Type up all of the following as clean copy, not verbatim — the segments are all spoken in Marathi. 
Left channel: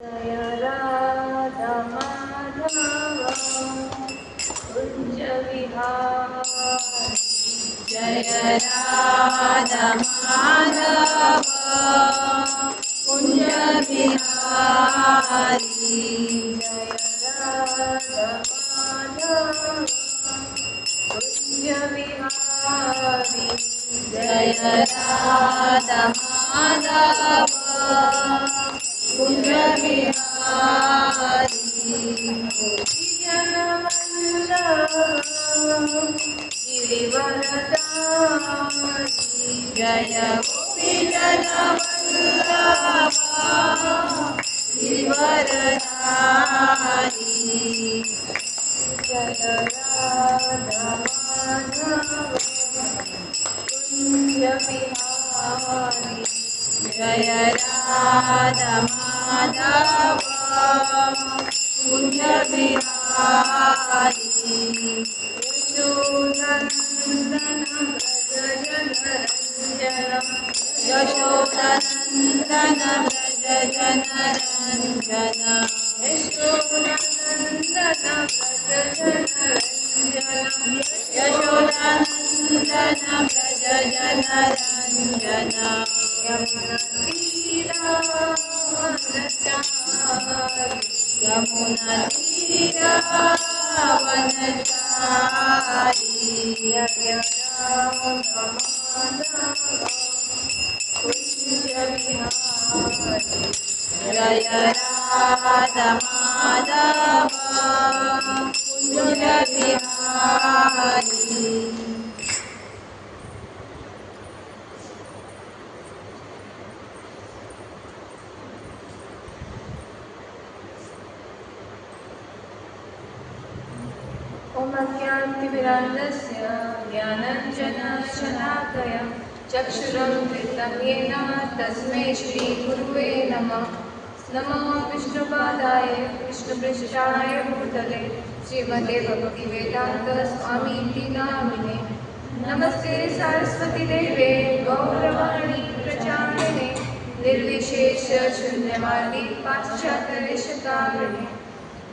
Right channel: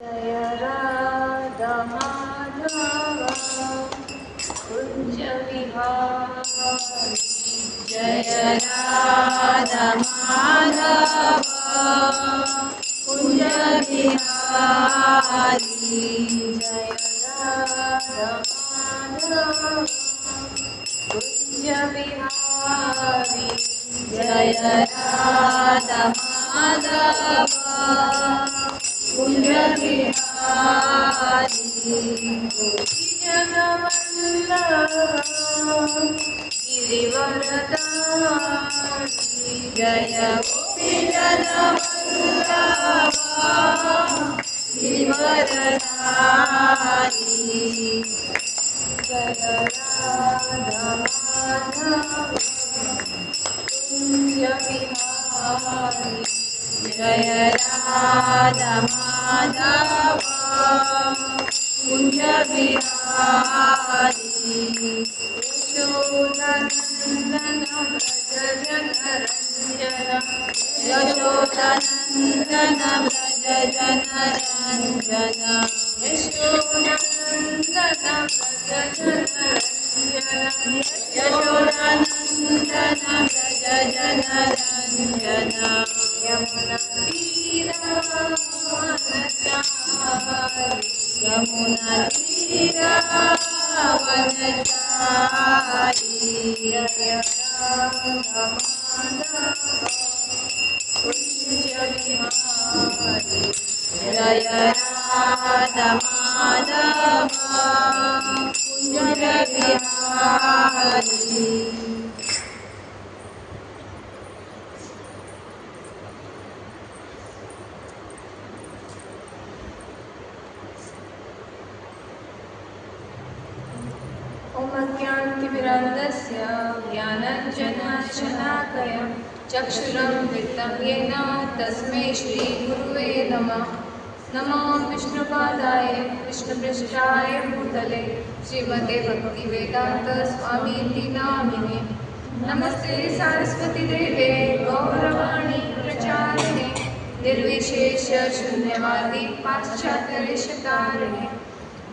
जय राधा माधव कुंज विहारी जय राधा माधव कुंज विहारी जय राधा माधव कुंज विहारी जय राधा माधव कुंज विहारी गिरिवरदारी जय गोपीजनवल्लभा गिरिवरदारी जय राधा माधव कुंज विहारी जय राधा माधव कुंज विहारी यशोदानंदन व्रज जनरंजन यशोदानंदन व्रज जनरंजन यमुना तीरा वनचारी जय राधा माधव कुंज विहारी। ओमज्ञानतिमिरान्धस्य ज्ञानाञ्जनशलाकया चक्षुरुन्मिलितं येन तस्मै श्रीगुरुवे नमः। नमो विष्णुपादाय कृष्णपृष्ठाय भूतले श्रीमते भक्तिवेदान्त स्वामीति नामिने। नमस्ते सरस्वतीदेवे गौरवाणी प्रचारिणे निर्विशेष शून्यवादी पाश्चात्यदेशतारिणे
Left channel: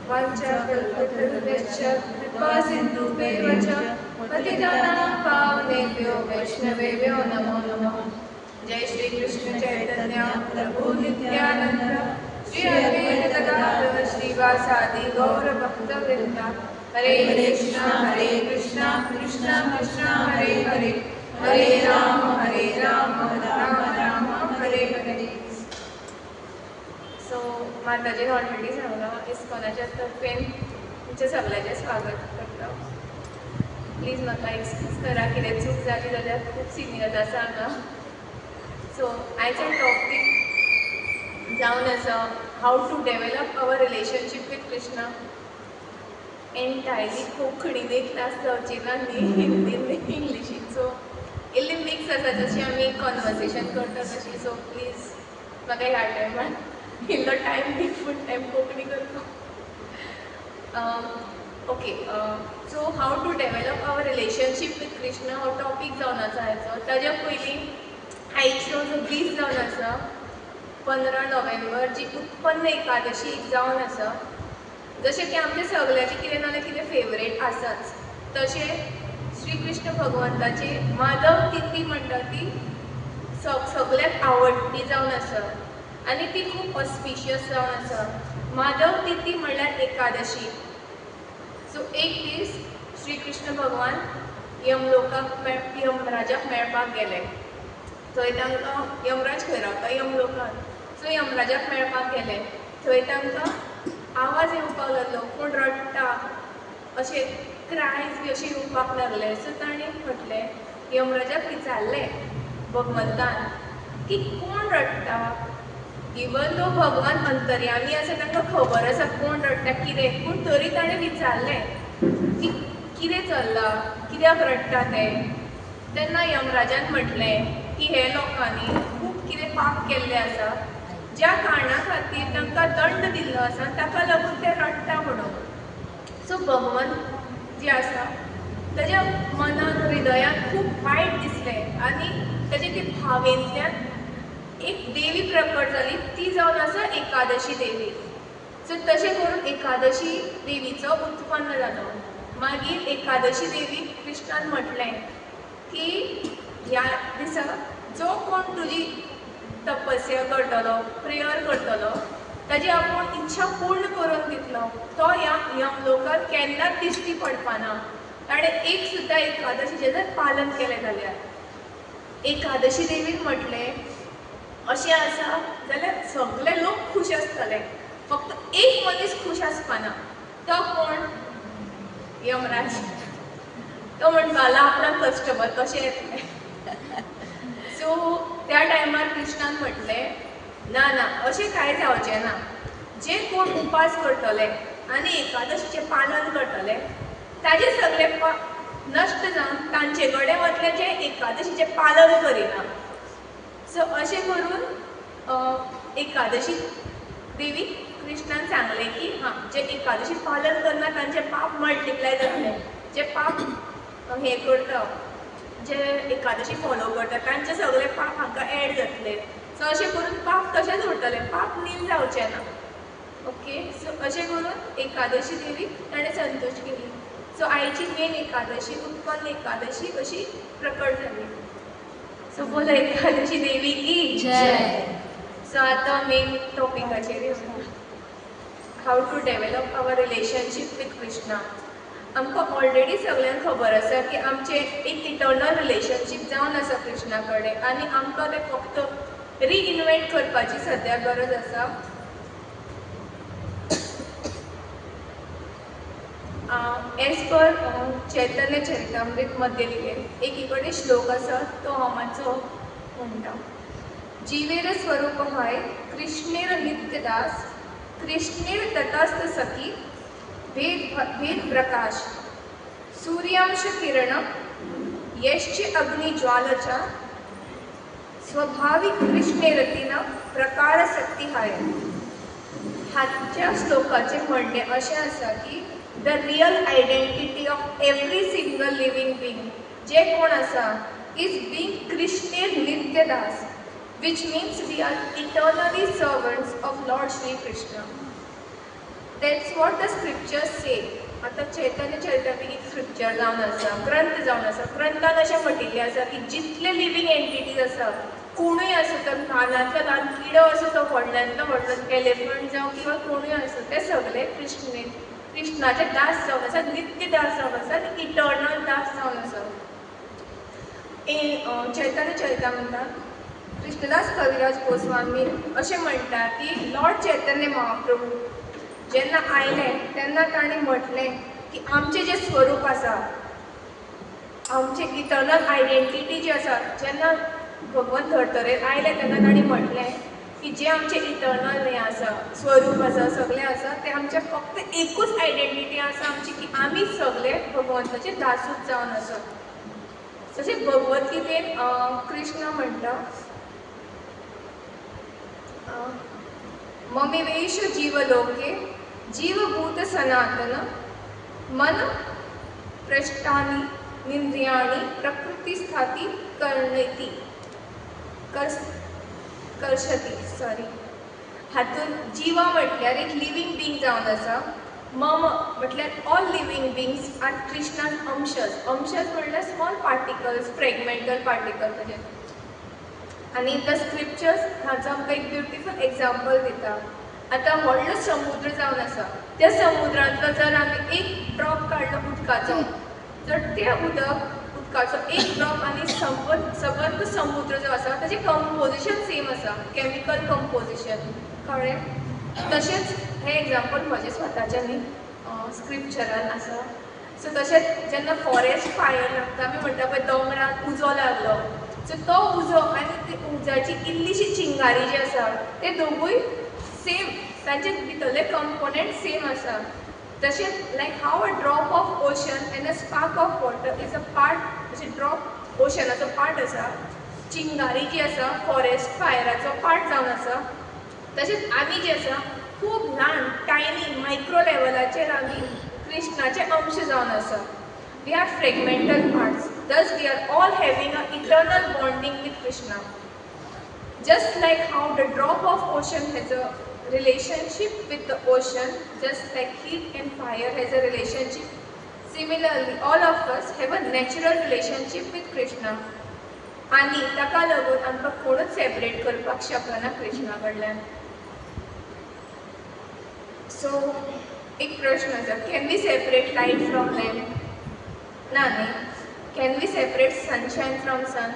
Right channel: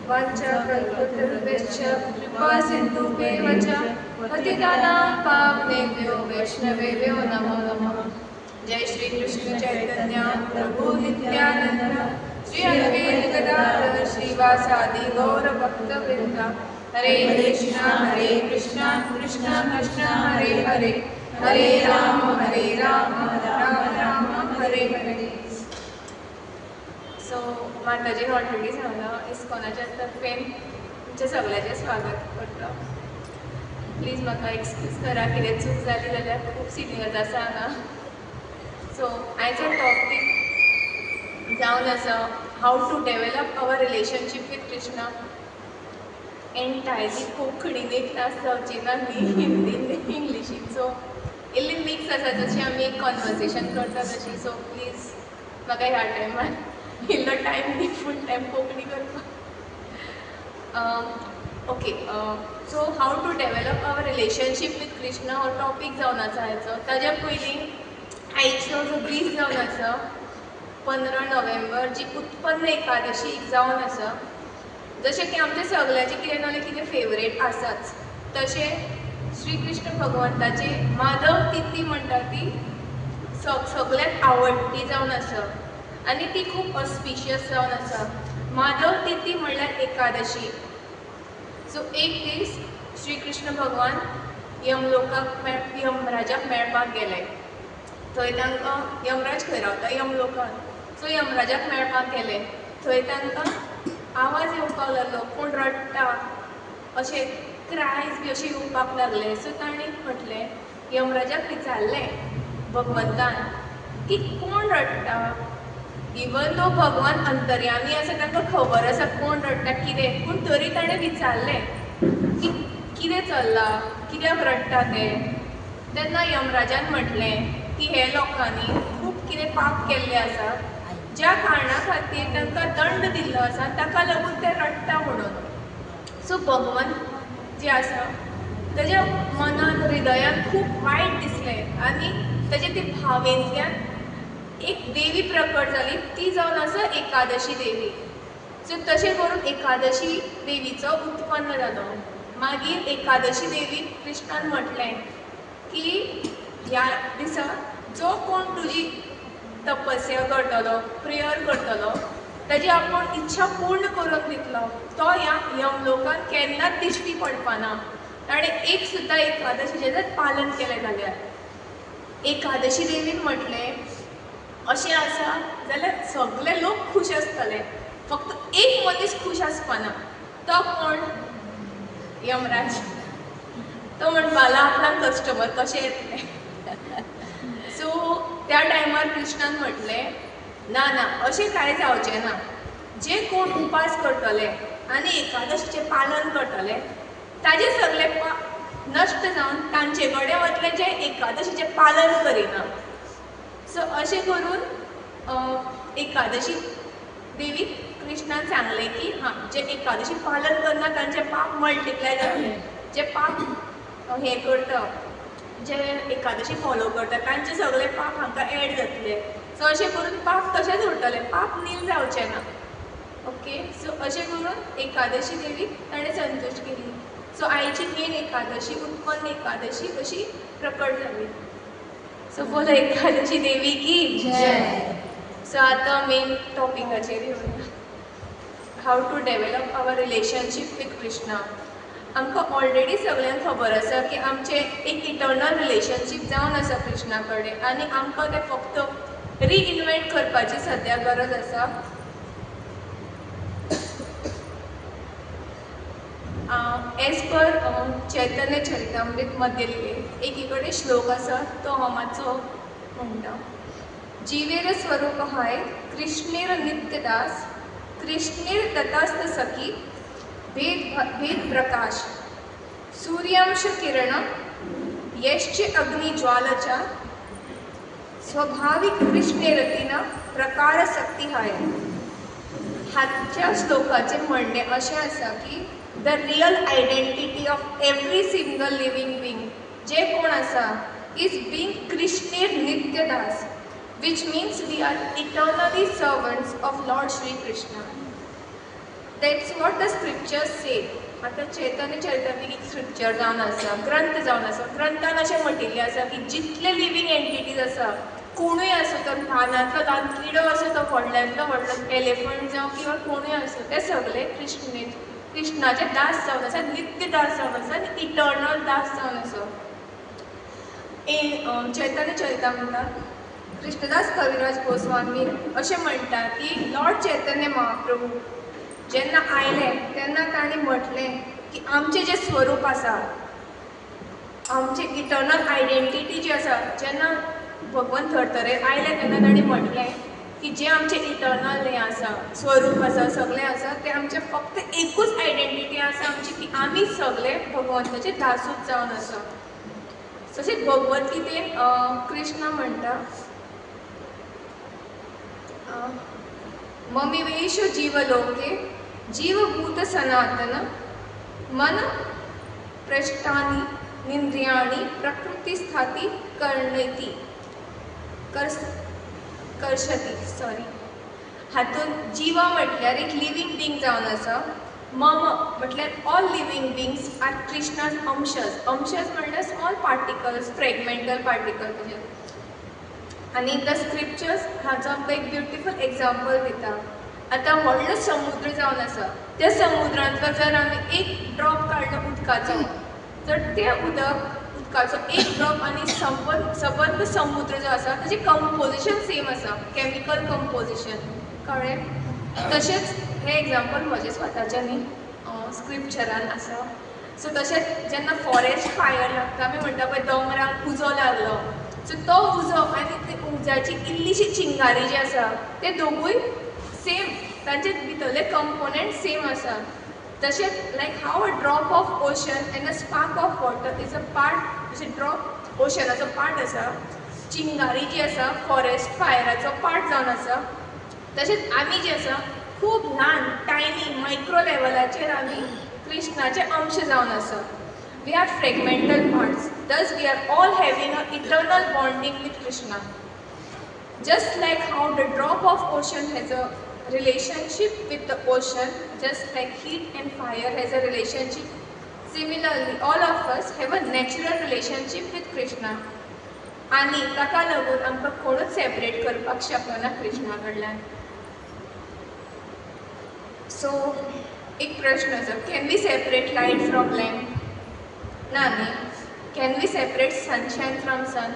वाञ्छाकल्पतरुभ्यश्च कृपासिन्धुभ्येव च पतितानां पावनेभ्यो वैष्णवेभ्यो नमो नमः। जय श्री कृष्ण चैतन्य प्रभु नित्यानंद श्री अद्वैत गदाधर श्रीवासादि गौर भक्तवृंद। हरे कृष्णा कृष्णा कृष्णा हरे हरे हरे राम राम राम हरे हरे। सो माताजी ऑलरेडी सांगला इस्कॉनाच्या तर्फेन तुमचे सगळ्यांचे स्वागत करता। प्लीज म्हाका एक्सक्यूज करा कितें चूक जाली जाल्यार खूब सिनियर आसा हांगा। सो आयचो टॉपीक जावन आसा how to develop our relationship with Krishna. Entirely कोंकणीन एक क्लास जावची ना न्ही, हिंदीन इंग्लिशीन। सो इल्ली मिक्स आसा जशी आमी कॉन्वर्सेशन करता तशी। सो प्लीज म्हाका ह्या टायमार इल्लो टायम दी फूल टायम कोंकणी करपाक। Okay, so how to develop our relationship with Krishna हो टॉपीक जावन आसा हाचो। ताज्या पयलीं आयचो जो दीस जावन आसा 15 नोव्हेंबर जी उत्पन्न एकादशी जावन आसा। जशें की आमच्या सगळ्याची कितें ना कितें फेवरेट आसाच, तशें श्री कृष्ण भगवंताची माधव तिथी म्हणटा ती सगळ्यात आवडटी जावन आसा आनी ती खूब ऑस्पिशियस जावन आसा। माधव तिथी म्हणल्यार एकादशी। सो एक दीस श्री कृष्ण भगवान यमराजाक मेळपाक गेले। थंय तांकां यमराज खंय रावता यमलोकान। सो यमराजाक मेळपाक गेले। थंय तांकां आवाज येवपाक लागलो, कोण रडटा अशें क्रायज बी अशें येवपाक लागले। सो ताणें म्हटलें यमराजाक विचारलें भगवंतान की कोण रडटा। इवन तो भगवान अंतर्यामी आसा तांकां खबर आसा कोण रडटा कितें, पूण तरी ताणें विचारलें की कितें चल्लां, कित्याक रडटा ते। तेन्ना यमराजान म्हटलें की हे लोकांनी खूब कितें पाप केल्लें आसा, ज्या कारणा खातीर तांकां दंड दिल्लो आसा, ताका लागून ते रडटा म्हणून। सो भगवान जे आसा ताज्या मनात हृदयात खूब वायट दिसलें आनी ताजे ते भावेंतल्यान एक देवी प्रकट जाली, ती जावन आसा एकादशी देवी. सो तशें करून एकादशी देवीचो उत्पन्न जालो. मागीर एकादशी देवी कृष्णान म्हटलें की ह्या दिसा जो कोण तुजी तपस्या करतलो, प्रेयर करतलो, ताजी आपूण इच्छा पूर्ण करून दितलो, तो ह्या यमलोकान केन्नाच दिश्टी पडपाना. ताणें एक सुद्दां एकादशीचें जर पालन केलें जाल्यार. एकादशी देवीन म्हटलें अशें आसा जाल्यार सगळे लोक खूश आसतले, फक्त एक मनीस खूश आसपाना. तो कोण? यमराज. तो म्हणपाला आपणाक कस्टमर कशें येतले. सो त्या टायमार कृष्णान म्हटलें ना ना, अशें कांय जावचें ना. जे कोण उपास करतले आनी एकादशीचें पालन करतले ताजे सगळे नश्ट जावन तांचे कडेन वतले जे एकादशीचें पालन करिना. सो अशें करून एकादशी देवीक कृष्णान सांगलें की हां, जे एकादशी पालन करना तांचे पाप मल्टिप्लाय जातले. जे पाप हें करता, जे एकादशी फॉलो करता तांचे सगळे पाप हांकां एड जातले. सो अशें करून पाप तशेंच उरतले, पाप नील जावचे ना. ओके, सो अशें करून एकादशी देवीक ताणें संतुश्ट केली. सो आयची मेन एकादशी उत्पन्न एकादशी कशी प्रकट जाली. सो बोलो एकादशी देवी की जय. सो आतां मेन टॉपिकाचेर येवया. How to develop our relationship with Krishna. आमकां ऑलरेडी सगळ्यांक खबर आसा की आमचें एक इटर्नल रिलेशनशीप जावन आसा कृष्णा कडेन, आनी आमकां तें फक्त रिइन्वेंट करपाची सद्या गरज आसा. एज पर चैतन्य चरितामृत मध्ये लिहिलें एकी कडेन श्लोक आसा, तो हांव मातसो म्हणटा. जीवेर स्वरूप हाय कृष्णेर नित्यदास, कृष्णेर तथास्थ सखी भेद प्रकाश, सूर्यांश किरण यश्च अग्निज्वालचा, स्वाभाविक कृष्णेरतीना प्रकार शक्ती हाय. हाच्या श्लोकाचे म्हणणे अशें आसा की the real identity of every single living being जे कोण आसा इज बींग कृष्णेर नित्यदास, which means we are eternally servants of lord Shri Krishna. That's what the scriptures say. आतां चैतन्य चरितांतली एक स्क्रिप्चर जावन आसा, ग्रंथ जावन आसा. ग्रंथान अशें म्हटिल्लें आसा की जितले लिविंग एंटिटीज आसा, कोणूय आसूं तो ल्हानांतलो ल्हान किडो आसूं तो व्हडल्यांतलो व्हडलो एलिफंट जावं किंवा कोणूय आसूं, ते सगळे कृष्णाचे दास जावन आसा, नित्य दास जावन आसा आनी इटर्नल दास जावन आसा. चैतन्य चरितामृतांत कृष्णदास कविराज गोस्वामी अशें म्हणटा की लॉर्ड चैतन्य महाप्रभू जेन्ना आयले तेन्ना ताणें म्हटलें की आमचें जें स्वरूप आसा, आमचें इटर्नल आयडेंटिटी जी आसा, जेन्ना भगवंत धर्तरेर आयले तेन्ना ताणें म्हटलें की जे आमचें इटर्नल हें आसा, स्वरूप आसा, सगळें आसा, तें आमचें फक्त एकूच आयडेंटिटी आसा आमची की आमी सगळे भगवंताचे दासूच जावन आसा. तशेंच भगवत गीतेन कृष्ण म्हणटा ममेवेश जीवलोके जीवभूत सनातन मन प्रष्टानी निंद्रियाणी प्रकृतिस्थाती कर्णेती कर्षती. हातून जीवा म्हटल्यार एक लिविंग बींग जावन आसा. मम म्हटल्यार all living beings are Krishna's अंशज. अंशज म्हटल्यार स्मॉल पार्टिकल्स, फ्रेगमेंटल पार्टिकल तशें. आनी द स्क्रिप्चर्स हाचो आमकां एक ब्युटिफूल एग्जाम्पल दिता. आतां व्हडलो समुद्र जावन आसा, त्या समुद्रांतलो जर आमी एक ड्रॉप काडलो उदकाचो, तर तें उदकाचो एक ड्रॉप आनी सबंद समुद्र जो आसा ताचें कंपोजिशन सेम आसा, केमिकल कंपोजिशन. कळ्ळें? तशेंच हें एग्जाम्पल म्हजें स्वताचें न्ही, स्क्रिप्चरान आसा. सो तशेंच जेन्ना फॉरेस्ट फायर लागता, आमी म्हणटा पळय दोंगराक उजो लागलो, सो तो उजो आनी ते उज्याची इल्लीशी चिंगारी जी आसा, ते दोगूय सेम, तांचे भितरले कंपोनंट सेम आसा. तशेंच like how a drop of ocean and a spark of water is a part, जशें ड्रॉप ओशनाचो पार्ट आसा, चिंगारी जी आसा फॉरेस्ट फायराचो पार्ट जावन आसा, तशेंच आमी जी आसा खूब ल्हान टायनी मायक्रो लेवलाचेर आमी कृष्णाचे अंश जावन आसा. We are fragmental parts, thus we are all having an eternal bonding with Krishna. Just like how the drop of ocean has a relationship with the ocean, just like heat and fire has a relationship, similarly all of us have a natural relationship with Krishna. आणि ताका लागून आमकां कोणूच सेपरेट करपाक शकना कृष्णा कडल्यान. सो एक प्रश्न आसा, can we separate light from lamp? ना न्ही. Can we separate sunshine from sun?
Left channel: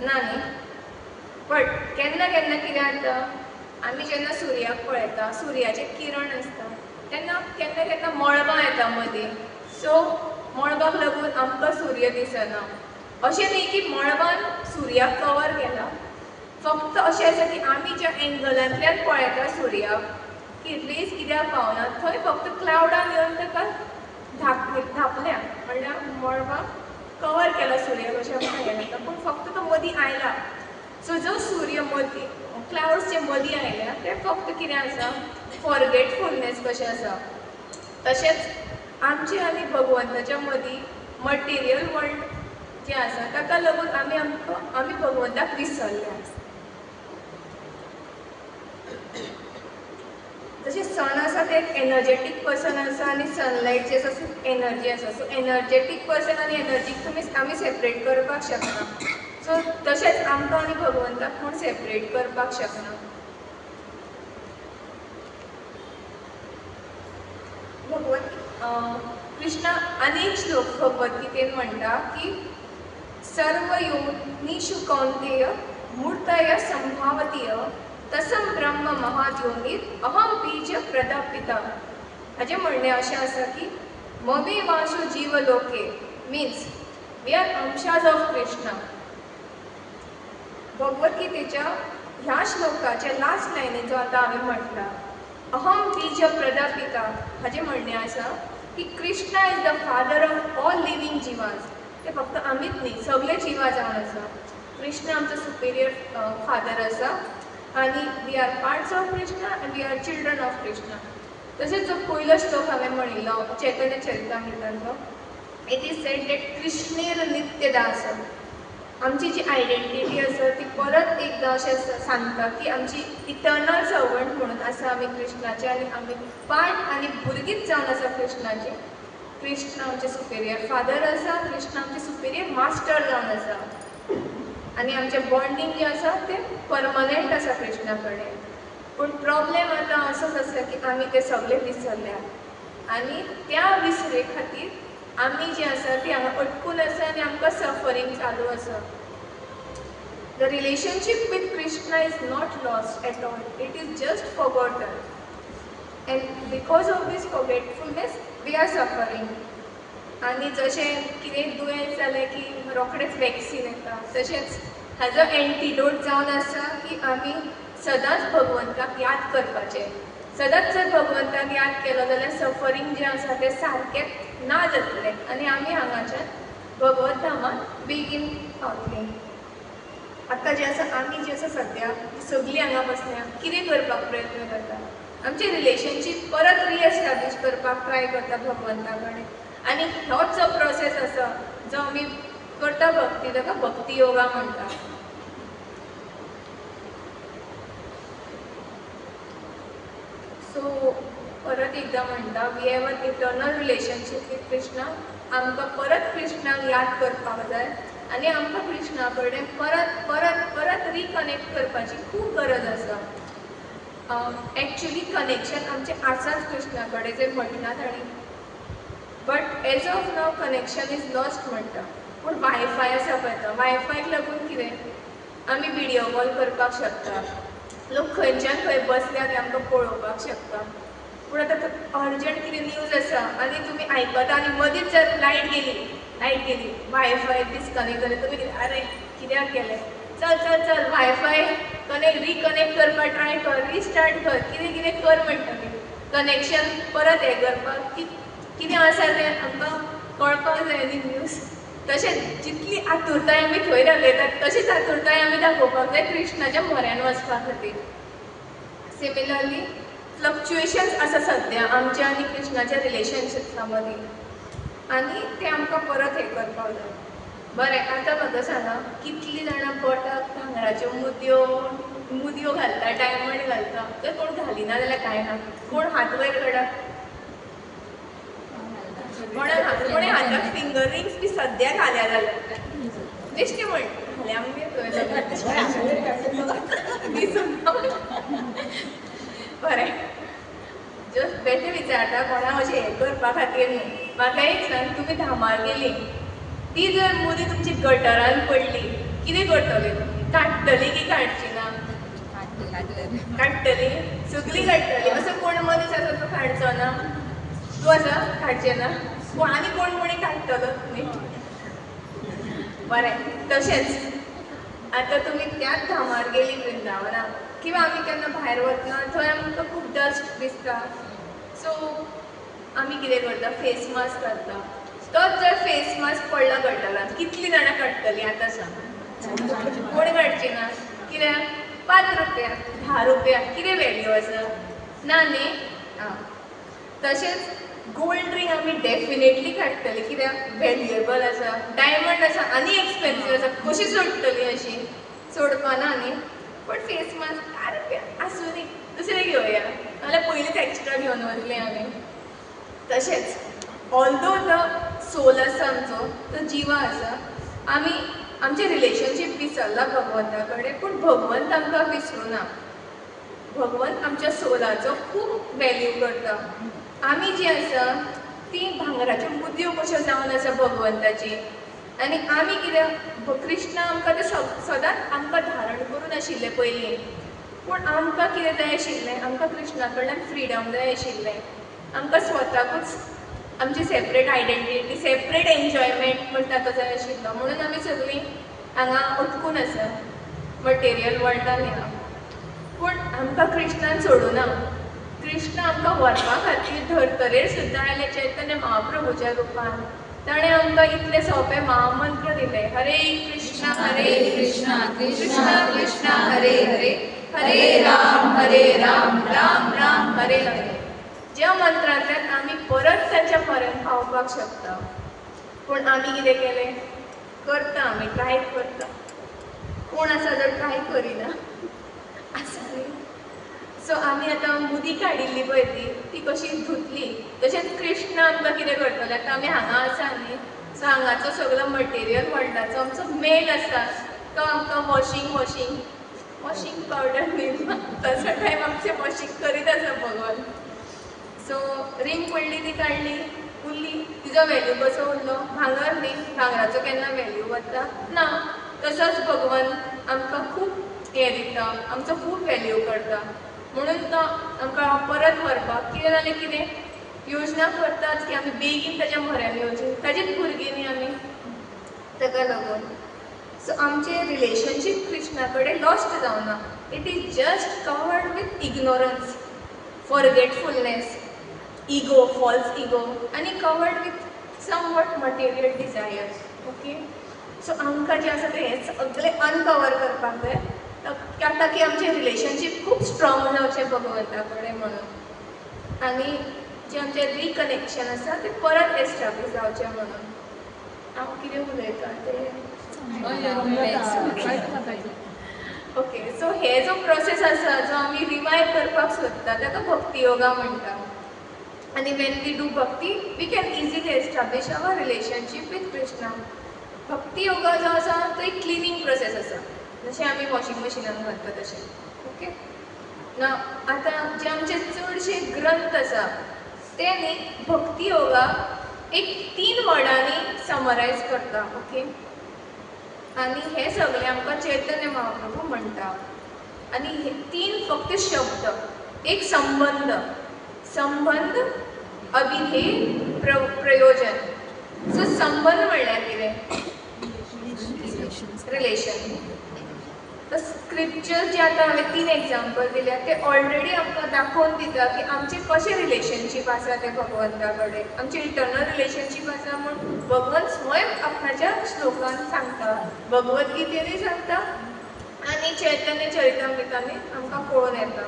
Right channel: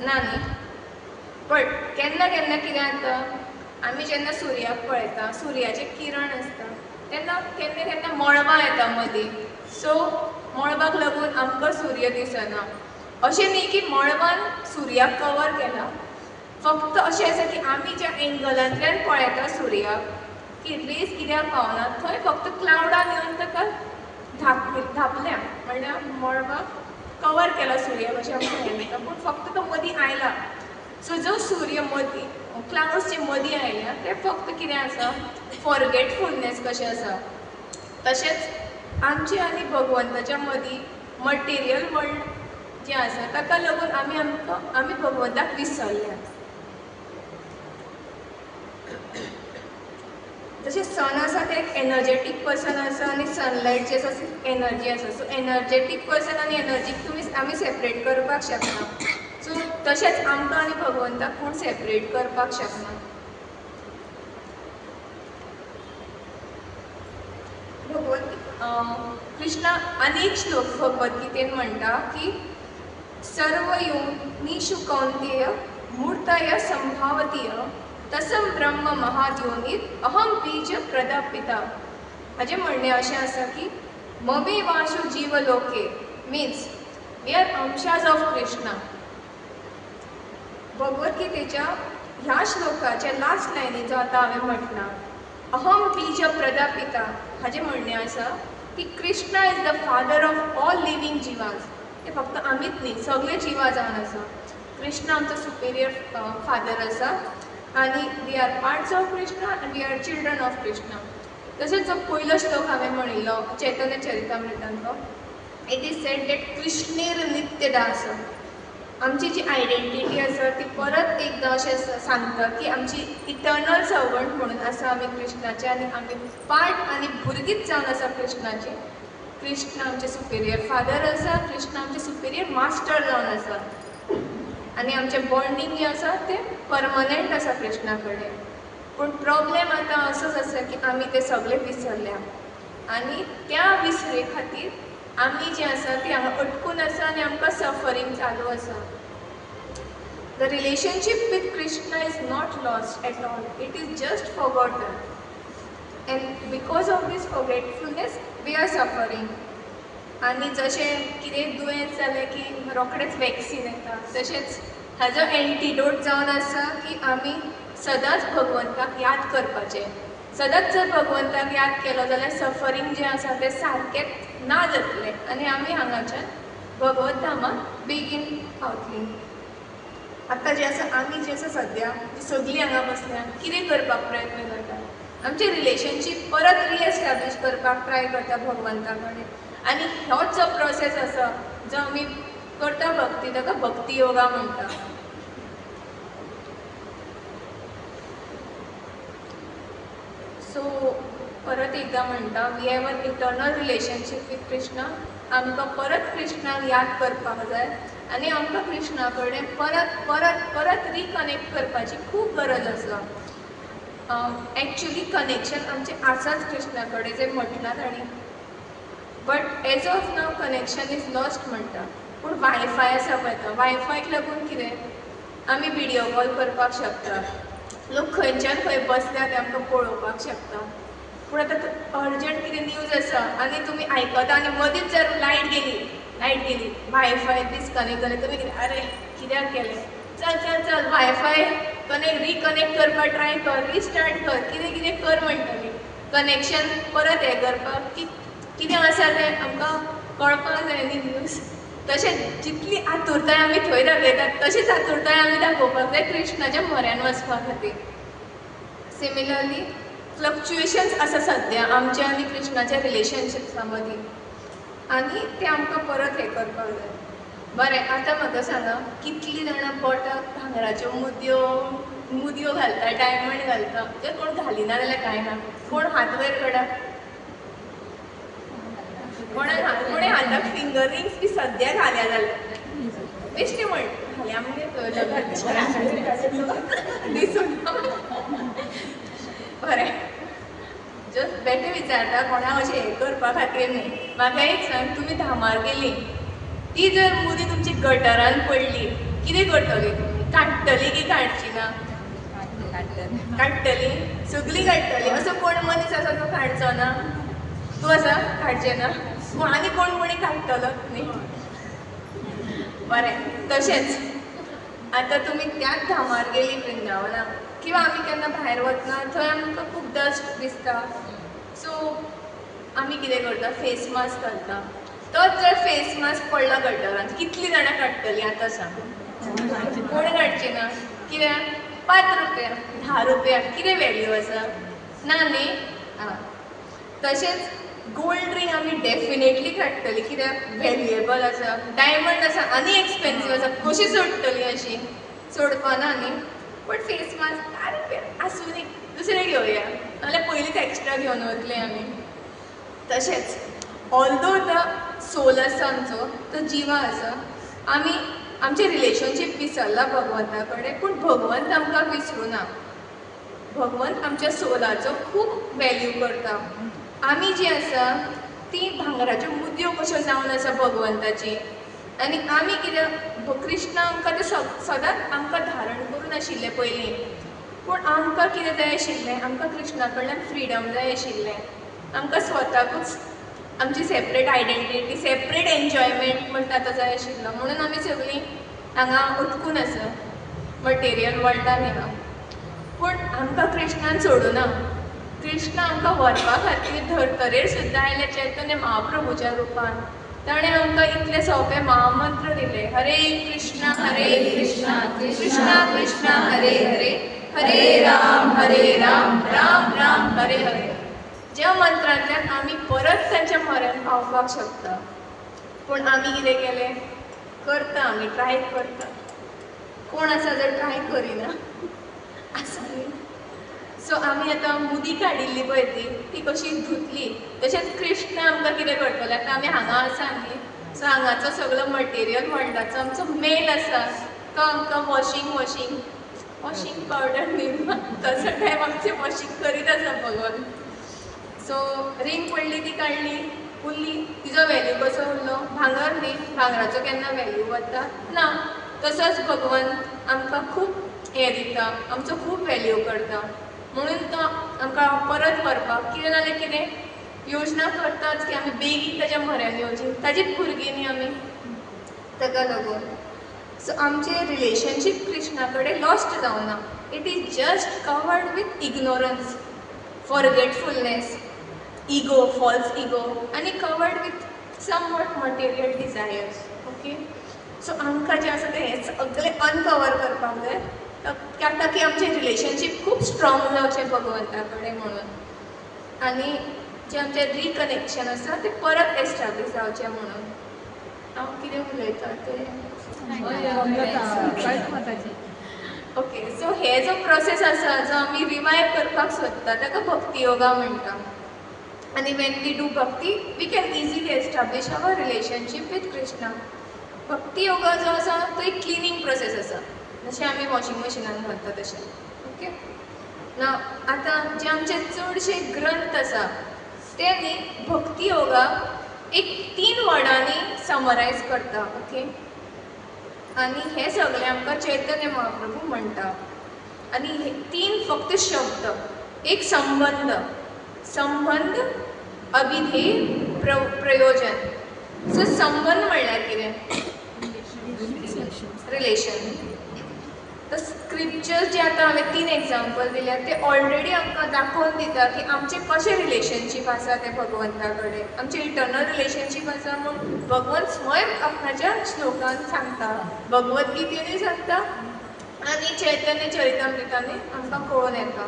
ना न्ही. बट केन्ना केन्ना कितें जाता, आमी जेन्ना सुर्याक पळयता, सुर्याचे किरण आसता तेन्ना केन्ना केन्ना मळबां येता मदीं. सो मळबाक लागून आमकां सूर्य दिसना. अशें न्ही की मळबान सुर्याक कवर केला, फक्त अशें आसा की आमी ज्या एंगलांतल्यान पळयता सुर्याक की रेज कित्याक पावना, थंय फक्त क्लावडान येवन ताका धापल्या, म्हणल्यार मळबाक कवर केला सुर्याक अशें म्हणून येता, पूण फक्त तो मदीं आयला. सो जो सूर्य मदीं क्लाउड्स जे मदीं आयल्या ते फक्त कितें आसा, फॉरगेटफुलनेस कशें आसा. तशेंच आमचे आनी भगवंताच्या मदीं मटेरियल वर्ल्ड जें आसा ताका लागून आमी भगवंताक विसरल्या. जशें सन आसा ते एक एनर्जेटीक पर्सन आसा आनी सनलायट जे आसा एनर्जी आसा. सो एनर्जेटीक पर्सन आनी एनर्जीक आमी सेपरेट करपाक शकना. सो तशेंच आमकां आनी भगवंताक कोण सेपरेट करपाक शकना. कृष्णा अनेक श्लोक भगवद्गीतेन म्हणटा की सर्व योनिषु कौंतेय मूर्तय संभावतीय तसम ब्रह्म महाद्योनीत अहम बीज प्रदापिता. हाजें म्हणणें अशें आसा की ममे वाशु जीवलोके मीन्स वी आर अंशाज ऑफ कृष्णा. भगवद्गीतेच्या ह्या श्लोकाच्या लास्ट लायनीन जो आतां हांवें म्हटला अहम बीज प्रदापिता, हाजें म्हणणें आसा की Krishna is the father of all living जिवाज. ते फक्त आमीच न्ही, सगळे जिवा जावन आसा. कृष्णा आमचो सुपेरियर फादर आसा आनी we are parts of Krishna आनी we are children of Krishna. तशेंच जो पयलो श्लोक हांवें म्हणिल्लो चैतन्य चरितामृतांतलो, इट इज सेड दॅट कृष्णेर नित्यदास. आमची जी आयडेंटिटी आसा ती परत एकदां अशें सांगता की आमची इटर्नल सर्वंट म्हणून आसा आमी कृष्णाचे आनी आमी पार्ट आनी भुरगींच जावन आसा कृष्णाची. कृष्ण आमचे सुपेरियर फादर आसा, कृष्ण आमचे सुपेरियर मास्टर जावन आसा आनी आमचें बॉन्डिंग जें आसा तें परमनंट आसा कृष्णा कडेन. पूण प्रॉब्लेम आतां असोच आसा की आमी तें सगळें विसरल्या आनी त्या विसरे खातीर आमी जें आसा ती हांगा अटकून आसा आनी आमकां सफरींग चालू आसा. The relationship with Krishna is not lost at all, it is just forgotten. And because of this forgetfulness we are suffering. आनी जशें कितें दुयेंस जालें की रोखडेंच वॅक्सीन येता, तशेंच हाजो एंटिडोट जावन आसा की आमी सदांच भगवंताक याद करपाचें. सदांच जर भगवंताक याद केलो जाल्यार सफरींग जें आसा तें सारकें ना जातलें आनी आमी हांगाच्यान भगवत धामांत बेगीन पावतलीं. आतां जें आसा आमी जें आसा सद्या सगळीं हांगा बसल्या कितें करपाक प्रयत्न करता, आमचें रिलेशनशीप परत रिएस्टाब्लीश करपाक ट्राय करता भगवंता कडेन. आनी होच जो प्रोसेस आसा जो आमी करता भक्ती, ताका भक्ती योगा म्हणटा. सो परत एकदां म्हणटा, we have an eternal relationship with Krishna. आमकां परत कृष्णाक याद करपाक जाय आनी आमकां कृष्णा कडेन परत परत परत रिकनेक्ट करपाची खूब गरज आसा. एक्चुली कनेक्शन आमचें आसाच कृष्णा कडेन जें म्हटलां ताणी, but as of now connection is lost म्हणटा. पूण वायफाय आसा पळय तो, वायफायक लागून कितें आमी विडियो कॉल करपाक शकता, लोक खंयच्यान खंय बसल्या ते आमकां पळोवपाक शकता. पूण आतां अर्जंट कितें न्यूज आसा आनी तुमी आयकता आनी मदींच जर लायट गेली वायफाय डिस्कनेक्ट जालें, तुमी कितें अरे कित्याक केलें, चल चल चल वायफाय रिकनेक्ट करपाक ट्राय कर, रिस्टार्ट कर, कितें कर म्हणटा. कनेक्शन परत हें करपाक कितें आसा तें आमकां कळपाक जाय न्ही न्यूज. तशेंच जितली आतुरताय आमी थंय दाखयतात तशीच आतुरताय आमी दाखोवपाक जाय कृष्णाच्या म्हऱ्यान वचपा खातीर. सिमिलरली फ्लक्च्युएशन्स आसा सद्या आमच्या आनी कृष्णाच्या रिलेशनशिप्सा मदीं आनी ते आमकां परत हें करपाक जाय. बरें, आतां म्हाका सांगा, कितलीं जाणां पोटाक भांगराच्यो मुदयो घालता, डायमंड घालता. तर कोण घालिना जाल्यार कांय ना. कोण हात वयर काडा. कोणे हाताक फिंगर रिंग्स बी सद्या घाल्या जाल्यार बेश्टे म्हण घाल्या म्हणजे दिसून बरें. जस्ट बेटे विचारता कोणाक अशें हें करपा खातीर न्ही. म्हाका एक सांग, तुमी धामार गेली, ती जर मुदी तुमची गटरान पडली, कितें करतली तुमी? काडटली की काडची ना? काडटली, सगळीं काडटली. असो कोण मनीस आसा तो काडचो ना? तूं आसा काडचें ना? आनी कोणी काडटलोच न्ही. बरें, तशेंच आतां तुमी त्याच धामार गेली वृंदावनाक, किंवा आमी केन्ना भायर वतना थंय आमकां खूब डस्ट दिसता, सो आमी कितें करता? फेस मास्क घालता. तोच जर फेस मास्क पडलो गटरान, कितलीं जाणां काडटलीं आतां सांग? कोण काडची ना? कित्याक? 5 रुपया 10 रुपया कितें वॅल्यू आसा? ना न्ही. तशेंच गोल्ड रिंग आमी डेफिनेटली काडटली, कित्याक वॅल्युएबल आसा. डायमंड आसा आनी एक्सपेन्सीव आसा, कशी सोडटली अशी? सोडपाना न्ही. बट फेस मास्क 10 रुपया आसूं न्ही, दुसरें घेवया, नाजाल्यार पयलींच एक्स्ट्रा घेवन वतले आमी. तशेंच ऑल्दो द सोल आसा आमचो, तो जिवा आसा, आमी आमचें रिलेशनशीप विसरला भगवंता कडेन, पूण भगवंत आमकां विसरूना. भगवंत आमच्या सोलाचो खूब वॅल्यू करता. आमी जी आसा ती भांगराच्यो मुदयो कश्यो जावन आसा भगवंताची. आनी आमी कितें, कृष्ण आमकां तें सदांच आमकां धारण करून आशिल्लें पयलीं. पूण आमकां कितें जाय आशिल्लें? आमकां कृष्णा कडल्यान फ्रिडम जाय आशिल्लें. आमकां स्वताकूच आमची सेपरेट आयडेंटिटी, सेपरेट एन्जॉयमेंट म्हणटा तो जाय आशिल्लो. म्हणून आमी सगळीं हांगा अटकून आसा, मटेरियल वर्ल्डान ह्या. पूण आमकां कृष्णान सोडूना. कृष्ण आमकां व्हरपा खातीर धर्तरेर सुद्दां आयले चैतन्य महाप्रभूच्या रुपान. ताणें आमकां इतले सोंपे महामंत्र दिले, हरे कृष्ण कृष्ण कृष्ण हरे हरे, हरे राम राम राम हरे हरे. ज्या मंत्रांतल्यान आमी परत तांच्या म्हऱ्यान पावपाक शकता. पूण आमी कितें केलें? करता, आमी ट्राय करता. कोण आसा जर ट्राय करिना आसा न्ही. सो आमी आतां मुदी काडिल्ली पळय ती कशी धुतली. तशेंच कृष्ण आमकां कितें करतलो? आतां आमी हांगा आसा न्ही, सो हांगाचो सगळो मटेरियल वर्ल्डाचो आमचो मेल आसा, तो आमकां वॉशिंग पावडर न्ही, तसो टायम आमचें वॉशिंग करीत आसा भगवान. सो रिंग पडली, ती काडली, उरली, तिजो वॅल्यू कसो उरलो? भांगर न्ही, भांगराचो केन्ना वॅल्यू वता ना. तसोच भगवान आमकां खूब हें दिता, आमचो खूब वॅल्यू करता. म्हणून तो आमकां परत व्हरपाक कितें जाल्यार कितें योजना करताच की आमी बेगीन ताच्या म्हऱ्यान येवची. ताजीच भुरगीं न्ही आमी, ताका लागून. सो आमचें रिलेशनशीप कृष्णा कडेन लॉस्ट जावना. It is just covered with ignorance, forgetfulness, ego, false ego, आनी covered with somewhat material desires. Okay. So आमकां जें आसा तें हें सगळें अनकवर करपाक जाय, ताकी आमचें रिलेशनशीप खूब स्ट्रॉंग जावचें भगवंता कडेन म्हणून. आनी जें आमचें रिकनेक्शन आसा तें परत एस्टाब्लीश जावचें म्हणून. हांव कितें उलयतां तें ओके. सो हे जो प्रोसेस आसा, जो आमी रिवायव करपाक सोदता, ताका भक्ती योगा म्हणटा. आनी when we do bhakti, we can easily establish our relationship with Krishna. Bhakti yoga जो आसा तो एक क्लिनींग प्रोसेस आसा, जशें आमी वॉशिंग मशिनान घालता तशें. ओके. ना आतां जे आमचे चडशे ग्रंथ आसा ते न्ही भक्ती योगा एक 3 वर्डांनी समरायज करता. ओके. आनी हे सगळे आमकां चैतन्य महाप्रभू म्हणटा. आनी हे 3 फक्त शब्द, एक संबंध, अभिधेय, प्रयोजन. सो संबंध म्हणल्यार कितें? रिलेशन. तर स्क्रिप्चर्स जे आतां हांवें 3 एग्जाम्पल दिल्या ते ऑलरेडी आमकां दाखोवन दिता की आमचें कशें रिलेशनशीप आसा तें भगवंता कडेन. आमचें इंटरनल रिलेशनशीप आसा म्हूण भगवंत स्वयं आपणाच्या श्लोकान सांगता, भगवत गीतेनूय सांगता आनी चैतन्य चरितामृतांनी आमकां कळून येता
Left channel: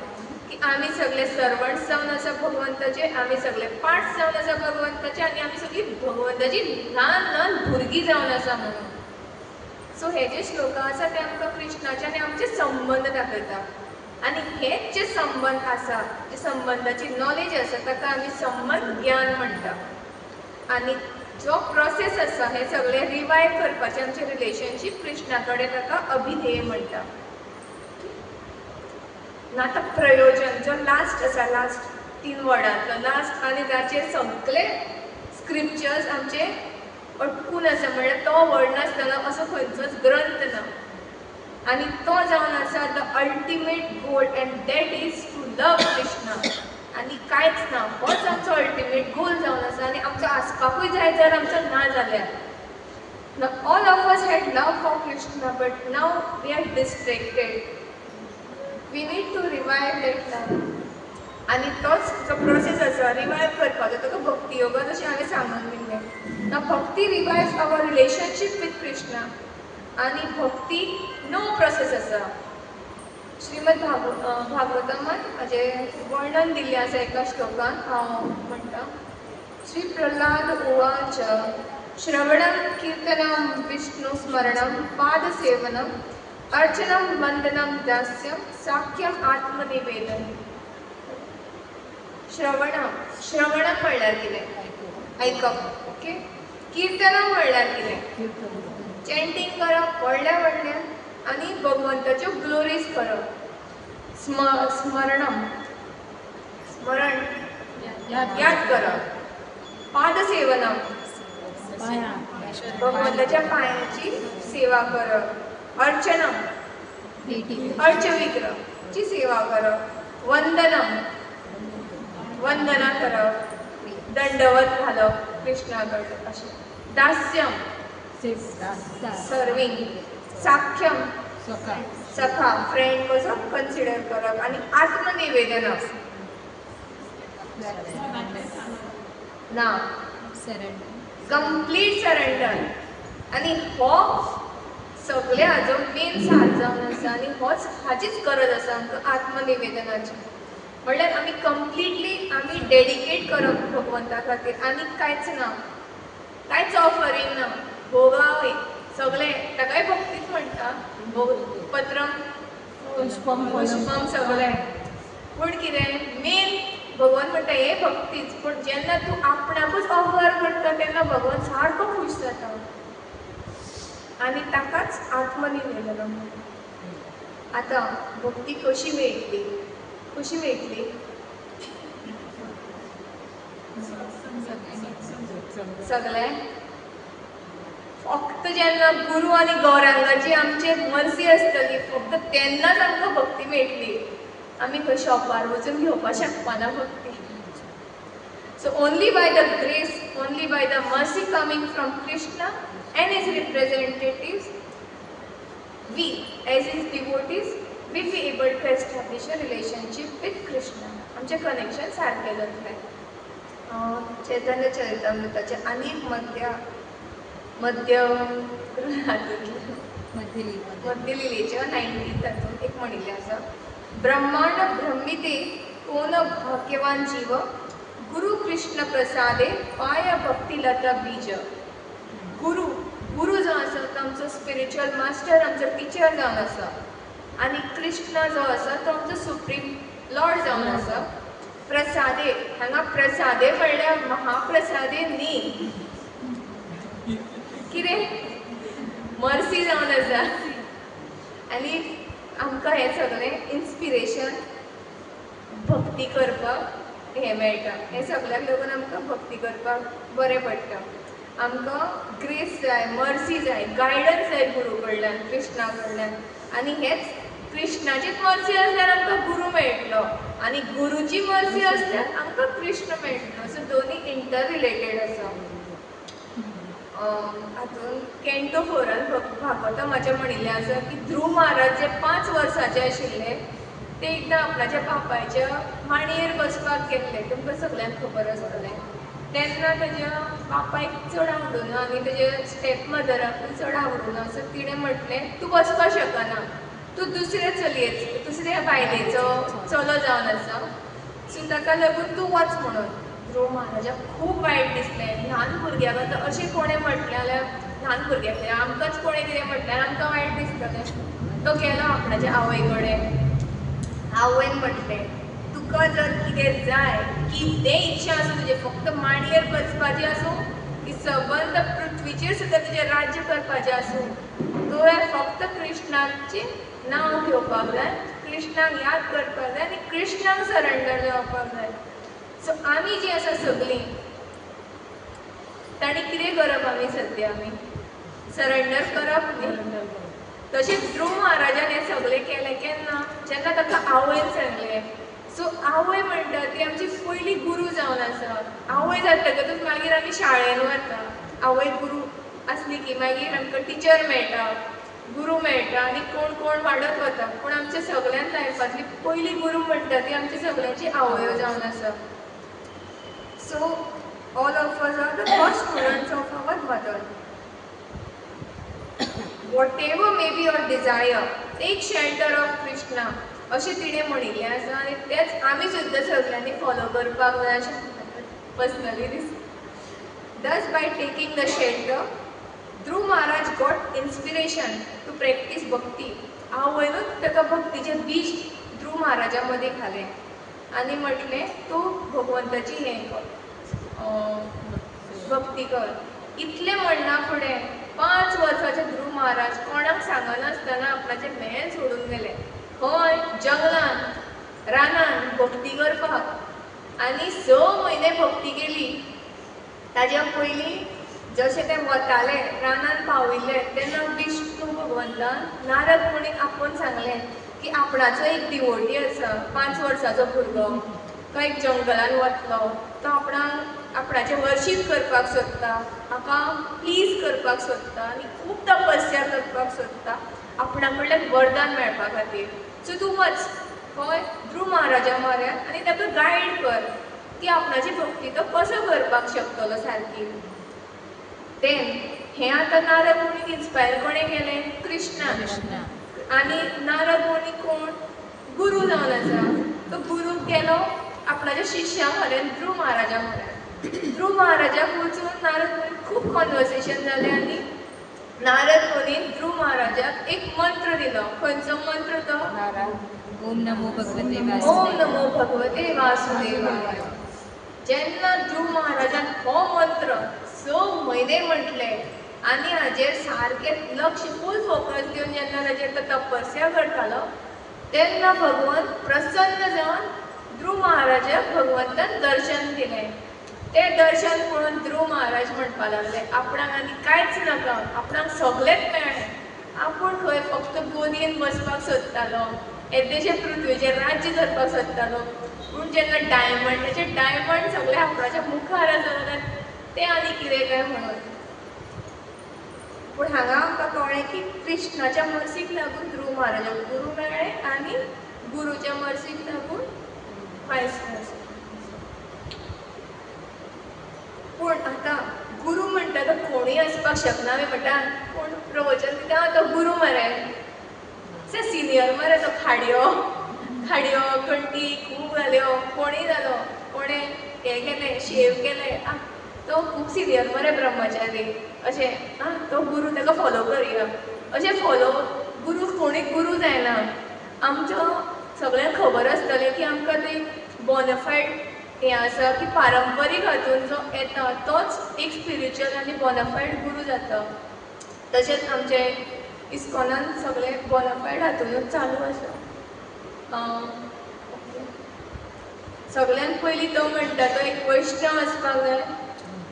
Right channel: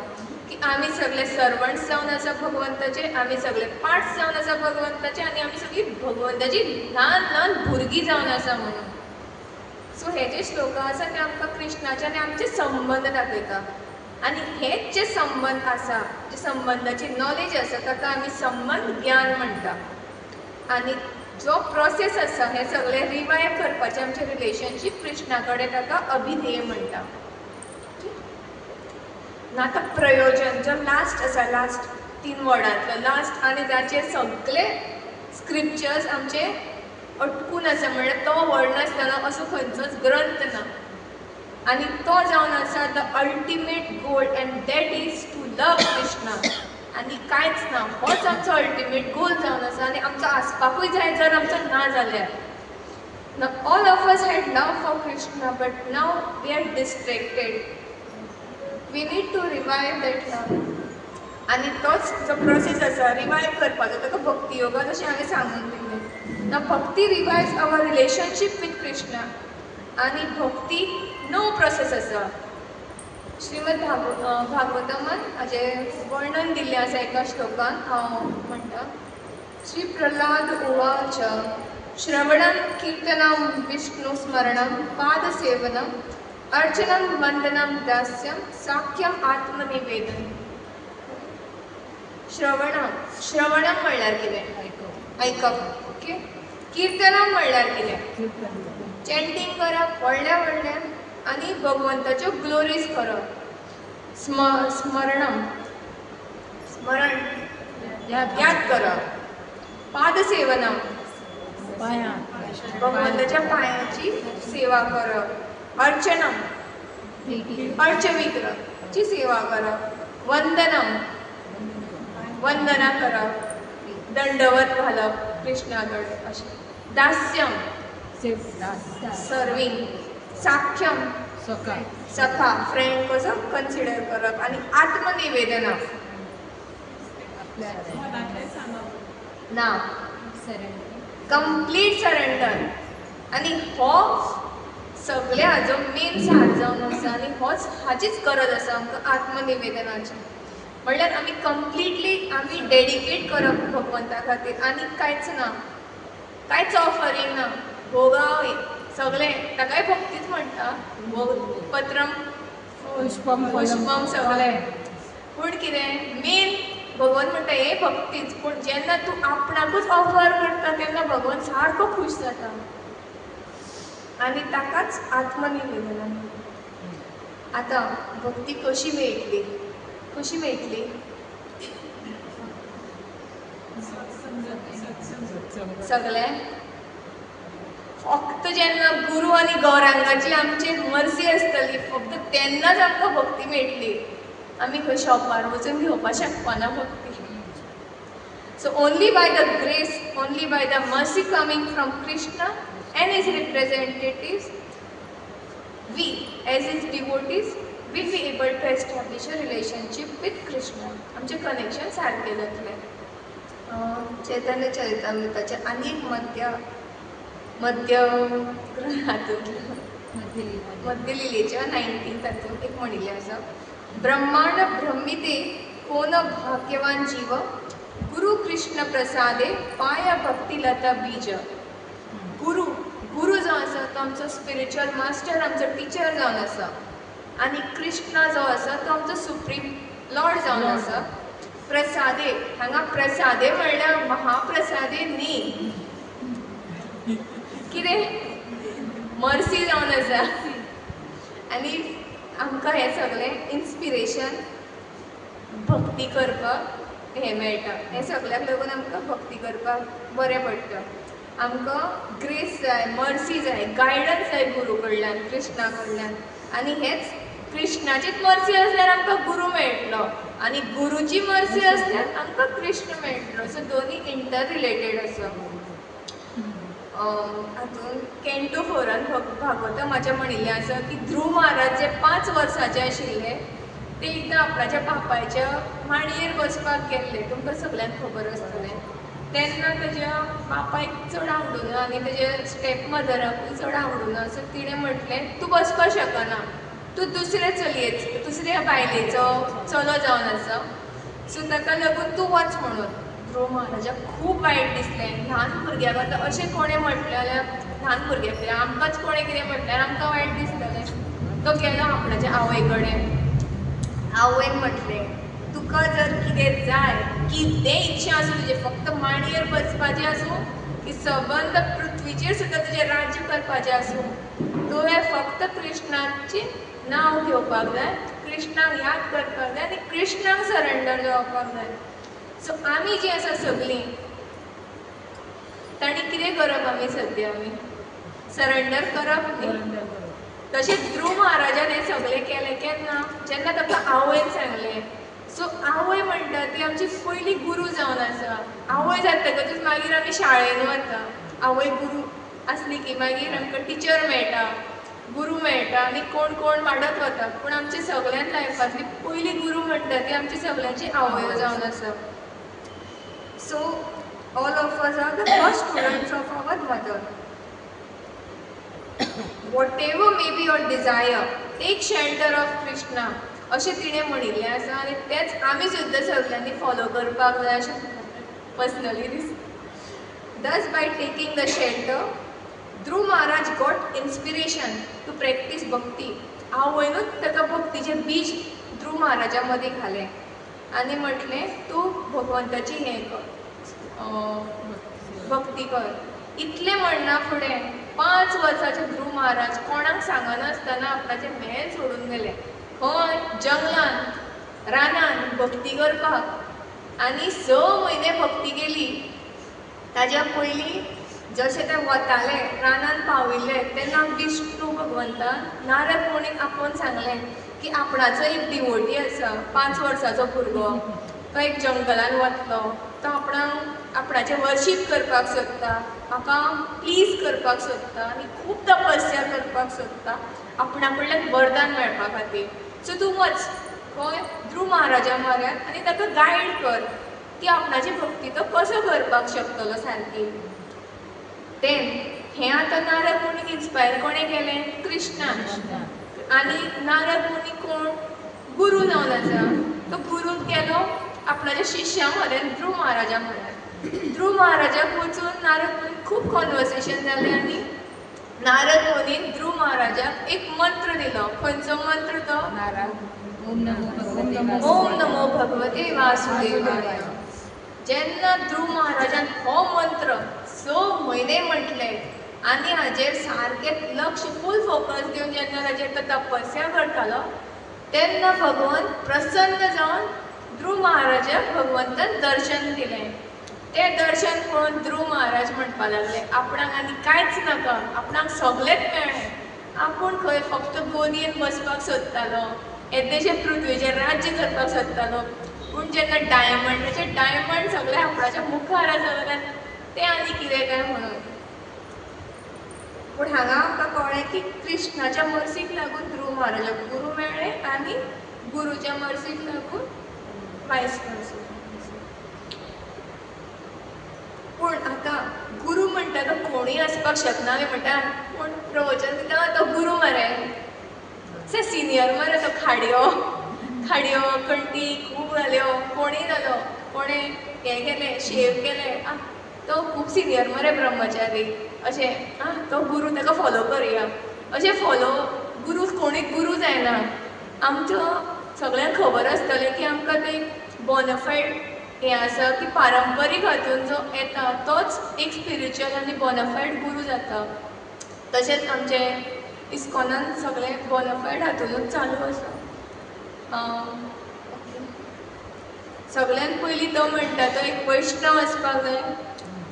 की आमी सगळे सर्वंट्स जावन आसा भगवंताचे, आमी सगळे पार्ट्स जावन आसा भगवंताचे, आनी आमी सगळीं भगवंताची ल्हान ल्हान भुरगीं जावन आसा म्हणून. सो हे जे श्लोक आसा ते आमकां कृष्णाचे आनी आमचे संबंध दाखयता आनी हेच जे संबंध आसा जे संबंधाची नॉलेज आसा ताका आमी संबंध ज्ञान म्हणटा आनी जो प्रोसेस आसा हे सगळे रिवायव करपाचें आमचें रिलेशनशीप कृष्णा कडेन ताका अभिधेय म्हणटा आतां प्रयोजन जो लास्ट आसा लास्ट 3 वर्डांतलो लास्ट आनी जाचे सगळे स्क्रिप्चर्स आमचे अटकून आसा म्हणल्यार तो वर्ड नासतना असो खंयचोच ग्रंथ ना आनी तो जावन आसा the ultimate goal and that is to love Krishna आनी कांयच ना होच आमचो अल्टिमेट गोल जावन आसा आनी आमचो आसपाकूय जाय जर आमचो ना जाल्यार Now all of us had love for Krishna but now we are distracted. We need to revive that love. आनी तोच जो प्रोसेस आसा रिवायव करपाचो ताका भक्ती योगा जशें हांवें सांगून दिल्लें ना भक्ती रिवायव्स आवर रिलेशनशीप विथ कृष्णा आनी भक्ती नो प्रोसेस आसा श्रीमद भागवतमान हाजें वर्णन दिल्लें आसा एका श्लोकान हांव म्हणटा श्री प्रल्हाद उवाच श्रवणं कीर्तनं विष्णुस्मरणं पादसेवनम् अर्चनं वंदनं दास्यं साख्यम आत्मनिवेदन श्रवणं म्हणल्यार कितें आयकप ओके कीर्तनं म्हणल्यार कितें चॅन्टिंग करप व्हडलें आनी भगवंताच्यो ग्लोरीज करप स्मरण याद करप पादसेवनम भगवंताच्या पांयाची सेवा करप अर्चनम अर्चविग्रहाची सेवा करप वंदना करप दंडवत घालप कृष्णा कडेन अशें दास्यम सर्विंग साख्यम सखा फ्रेंड कसो कन्सिडर करप आनी आत्मनिवेदना ना कंप्लीट सरेंडर आनी हो सगळे हाजो मेन साथ जावन आसा आनी होच हाचीच गरज आसा आमकां आत्मनिवेदनाची म्हणल्यार आमी कंप्लिटली आमी डेडिकेट करप भगवंता खातीर आनी कांयच ना कांयच ऑफरींग ना भोगावय सगळें ताकाय भक्तीच म्हणटा पत्रम पुष्पम सगळें पूण कितें मेन भगवान म्हणटा हे भक्तीच पूण जेन्ना तूं आपणाकूच ऑफर करता तेन्ना भगवान सारको खूश जाता आनी ताकाच आत्मनिवेदन म्हणटा आतां भक्ती कशी मेळटली सगळें फक्त जेन्ना गुरू आनी गौरांगाची आमची मर्जी आसतली फक्त तेन्नाच आमकां भक्ती मेळटली आमी खंय शॉपार वचून घेवपाक शकपाना भक्ती so only by the grace only by the mercy coming from Krishna and his representatives we as his devotees will be able to establish a relationship with Krishna आमचें कनेक्शन सारकें जातलें चैतन्य चरितामृताचे आनी मध्य लिलेच्या 19 तातूंत एक म्हणिल्लें आसा ब्रह्मांड ब्रह्मिते कोन भाग्यवान जीव गुरु कृष्ण प्रसादे पाय भक्तिलता बीज गुरु जो आसा तो आमचो स्पिरिच्युअल मास्टर आमचो टिचर जावन आसा आनी कृष्णा जो आसा तो आमचो सुप्रीम लॉर्ड जावन आसा प्रसादे हांगा प्रसादे म्हणल्यार महाप्रसादे न्ही कितें मर्सी जावन आसा आनी आमकां हें सगळें इन्स्पिरेशन भक्ती करपाक हें मेळटा हें सगळ्याक लागून आमकां भक्ती करपाक बरें पडटा आमकां ग्रेस जाय मर्सी जाय गायडन्स जाय गुरू कडल्यान कृष्णा कडल्यान आनी हेच कृष्णाचीच मर्सी आसल्यार आमकां गुरू मेळटलो आनी गुरूची मर्सी आसल्यार आमकां कृष्ण मेळटलो सो दोनी इंटर रिलेटेड आसा हातून कॅन्टो 4 भागवतमाचें म्हणिल्लें आसा की ध्रुव महाराज जे 5 वर्साचे आशिल्ले ते एकदां आपणाच्या बापायच्या मांडयेर बसपाक गेल्ले तुमकां सगळ्यांक खबर आसतलें तेन्ना तेज्या बापायक चड आवडुना आनी तेजे स्टेप मदराकूय चड आवडुना सो तिणें म्हटलें तूं बसपाक शकना तूं दुसऱ्या बायलेचो चलो जावन आसा सो ताका लागून तूं वच म्हणून ध्रुव महाराजाक खूब वायट दिसलें ल्हान भुरग्याक आतां अशें कोणें म्हटलें जाल्यार ल्हान भुरग्याक कितें आमकांच कोणें कितें म्हटल्यार आमकां वायट दिसतलें. तो गेलो आपणाच्या आवय कडेन. आवयन म्हटलें, तुका जर कितें जाय, कितें इच्छा आसूं तुजें, फक्त मांडयेर बसपाचें आसूं की सबंद पृथ्वीचेर सुद्दां तुजें राज्य करपाचें आसूं, तुवें फक्त कृष्णाचें नांव घेवपाक जाय, कृष्णाक याद करपाक जाय आनी कृष्णाक सरेंडर जावपाक जाय. सो आमी जीं आसा सगळीं, ताणी कितें करप आमी सद्या आमी सरेंडर करप न्ही. तशेंच ध्रुव महाराजान हें सगळें केलें केन्ना, जेन्ना ताका आवयन सांगलें. सो आवय म्हणटा ती आमची पयली गुरू जावन आसा. आवय जातकच मागीर आमी शाळेन वता. आवय गुरू आसली की मागीर आमकां टिचर मेळटा, गुरू मेळटा आनी कोण कोण वाडत वता. पूण आमच्या सगळ्यान लायफांतली पयली गुरू म्हणटा ती आमची सगळ्यांची आवयो जावन आसा. So all of us are the first students of our mother. Whatever may be your desire, take shelter of Krishna, अशें तिणें म्हणिल्लें आसा आनी तेंच आमी सुद्दां सगळ्यांनी फॉलो करपाक जाय अशें पर्सनली दिसता. Thus by taking the shelter, Dhruv Maharaj got inspiration to practice bhakti. आवयनूच ताका भक्तीचें बीज ध्रुव महाराजा मदीं घालें आनी म्हटलें तूं भगवंताची हें कर, भक्ती कर. इतलें म्हणना फुडें 5 वर्साचे ध्रुव महाराज कोणाक सांगनासतना आपणाचें महल सोडून गेले. खंय जंगलान रानान भक्ती करपाक. आनी 6 म्हयने भक्ती केली. ताज्या पयलीं जशें ते वताले रानान पाविल्ले तेन्ना विष्णू भगवंतान नारद मुनीक आपोवन सांगलें की आपणाचो एक डिवोटी आसा, 5 वर्साचो भुरगो, तो एक जंगलान वतलो, तो आपणाचें वर्शीप करपाक सोदता, म्हाका प्लीज करपाक सोदता आनी खूब तपस्या करपाक सोदता आपणा कडल्यान वरदान मेळपा खातीर. सो तूं वच खंय ध्रुव महाराजा म्हऱ्यान आनी ताका गायड कर की आपणाची भक्ती तो कसो करपाक शकतलो सारकी. तें हें आतां नारद मुनीक इन्स्पायर कोणें केलें? कृष्णान. आनी नारद मुनी कोण? गुरू जावन आसा. तो गुरून गेलो आपणाच्या शिश्या म्हऱ्यान ध्रुव महाराजा म्हऱ्यान. ध्रुव महाराजाक वचून नारद मुनीक खूब कॉन्वर्सेशन जालें आनी नारद मुनीन ध्रुव महाराजाक एक मंत्र दिलो. खंयचो मंत्र तो? ओम नमो भगवते वासुदेवाय. जेन्ना ध्रुव महाराजान हो मंत्र 6 म्हयने म्हटले आनी हाजेर सारकें लक्ष फूल फोकस दिवन जेन्ना ताजेर तो तपस्या करतालो तेन्ना भगवंत प्रसन्न जावन ध्रुव महाराजाक भगवंतान दर्शन दिलें. तें दर्शन पळोवन ध्रुव महाराज म्हणपाक लागले आपणाक आनी कांयच नाका, आपणाक सगळेंच मेळ्ळें. आपूण खंय फक्त गोदयेन बसपाक सोदतालो, येदेशे पृथ्वीचेर राज्य करपाक सोदतालो. पूण जेन्ना डायमंड सगळे आपणाच्या मुखार आसा जाल्यार तें आनी कितें काय म्हणून. पूण हांगा आमकां कळ्ळें की कृष्णाच्या मर्सीक लागून ध्रुव महाराजाक गुरू मेळ्ळें आनी गुरूच्या मर्सीक लागून वायस वर्सा. पूण आतां गुरू म्हणटा तो कोणूय आसपाक शकना म्हणटा. पूण प्रवचन दिता तो गुरू मरे सिनियर मरे तो खाडयो कंटी खूब घाल्यो, कोणीय जालो, कोणें हें केलें शेव केलें, तो खूब सिनियर मरे ब्रह्मचारी अशें. तो गुरू ताका फॉलो करया अशें फॉलो. गुरू कोणूय गुरू जायना. आमच्या सगळ्यांक खबर आसतलें की आमकां तें बोनाफायड हें आसा की पारंपारीक हातून जो येता तोच एक स्पिरिच्युअल आनी बोनाफायड गुरू जाता. तशेंच आमचे इस्कॉनान सगळें बोनाफायड हातूनच चालू आसा. सगळ्यान पयलीं तो म्हणटा तो एक वैष्णव आसपाक जाय,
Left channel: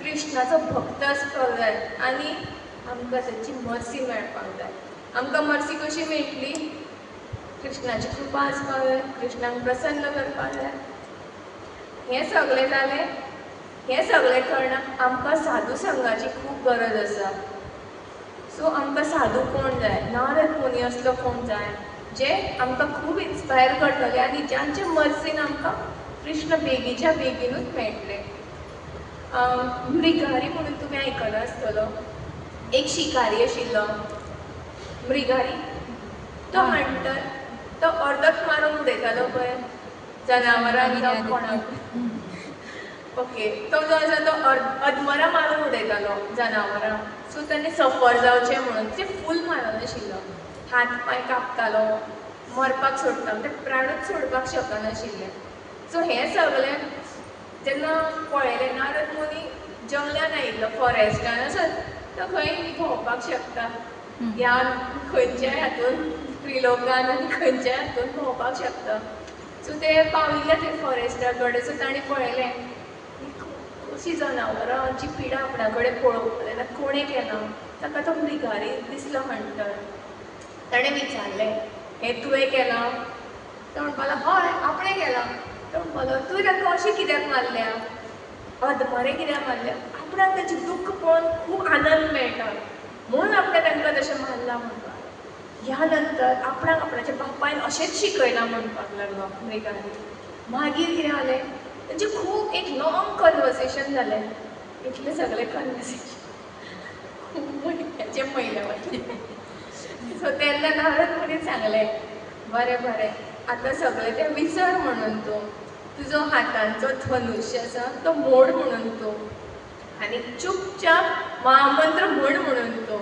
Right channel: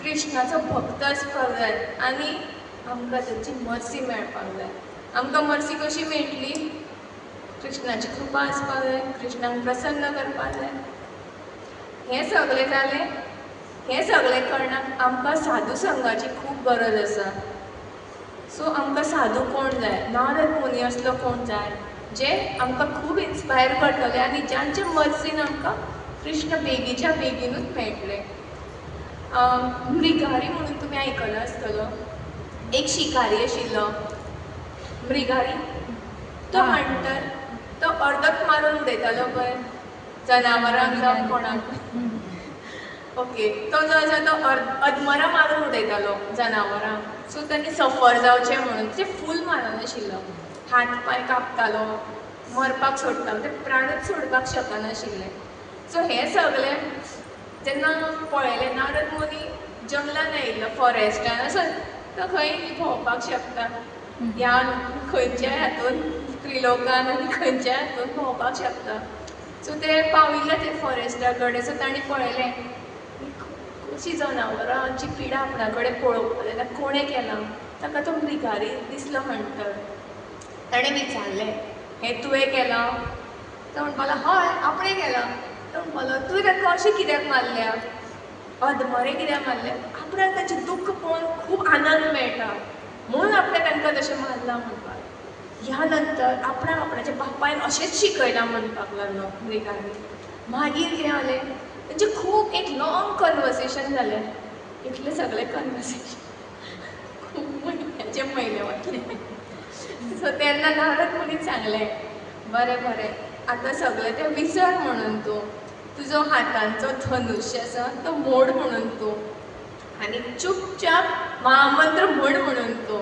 कृष्णाचो भक्त आसपाक जाय आनी आमकां ताची मर्सी मेळपाक जाय. आमकां मर्सी कशी मेळटली? कृष्णाची कृपा आसपाक जाय, कृष्णाक प्रसन्न करपाक जाय. हें सगळें जालें. हें सगळें करणाक आमकां साधू संघाची खूब गरज आसा. सो आमकां साधू कोण जाय? नारद मुनी असलो कोण जाय जे आमकां खूब इन्स्पायर करतले आनी ज्यांचे मर्सीन आमकां कृष्ण बेगीच्या बेगीनूच मेळटलें. मृगारी म्हणून तुमी आयकलो आसतलो. एक शिकारी आशिल्लो मृगारी. तो हंटर. तो अर्दत मारून उडयतालो पळय जनावरांक जावं कोणाक. ओके तो जो आसा तो अदमरां मारून उडयतालो जनावरां सो तांणी सफर जावचें म्हणून ते फूल मारनाशिल्लो हात पांय कापतालो मरपाक सोडटालो ते प्राणूच सोडपाक शकनाशिल्ले सो हें सगळें जेन्ना पळयलें नारद मुनी जंगलान आयिल्लो फॉरेस्टान आसत तो खंय भोंवपाक शकता ह्या खंयच्याय हातून त्रिलोकान आनी खंयच्याय हातून भोंवपाक शकता सो ते पाविल्ले ते फॉरेस्टा कडेन सो तांणी पळयलें कशी जनावरांची पिडा आपणा कडेन पळोवपाक जाल्यार कोणें केलां ताका तो मृगारी दिसलो हंटर ताणें विचारलें हें तुवें केलां तो म्हणपाक लागलो हय आपणें केलां तो म्हणपालो तुवें ताका अशें कित्याक मारल्या अदमरें कित्याक मारलें आपणाक ताचें दुख्ख पळोवन खूब आनंद मेळटा म्हणून आपणें तांकां तशें मारलां म्हणपाक ह्या नंतर आपणाक आपणाच्या बापायन अशेंच शिकयलां म्हणपाक लागलो मृगारी मागीर कितें जालें तांचें खूब एक लॉंग कन्वर्सेशन जालें इतलें सगळें कन्वर्सेशन खूब म्हयने वतलें सो तेन्ना नारद मुनीन सांगलें बरें बरें आतां सगळें तें विसर म्हणून तूं तुजो हातांचो धनुश्य आसा तो मोड म्हणून तूं आनी चुपचाप महामंत्र म्हण म्हणून तूं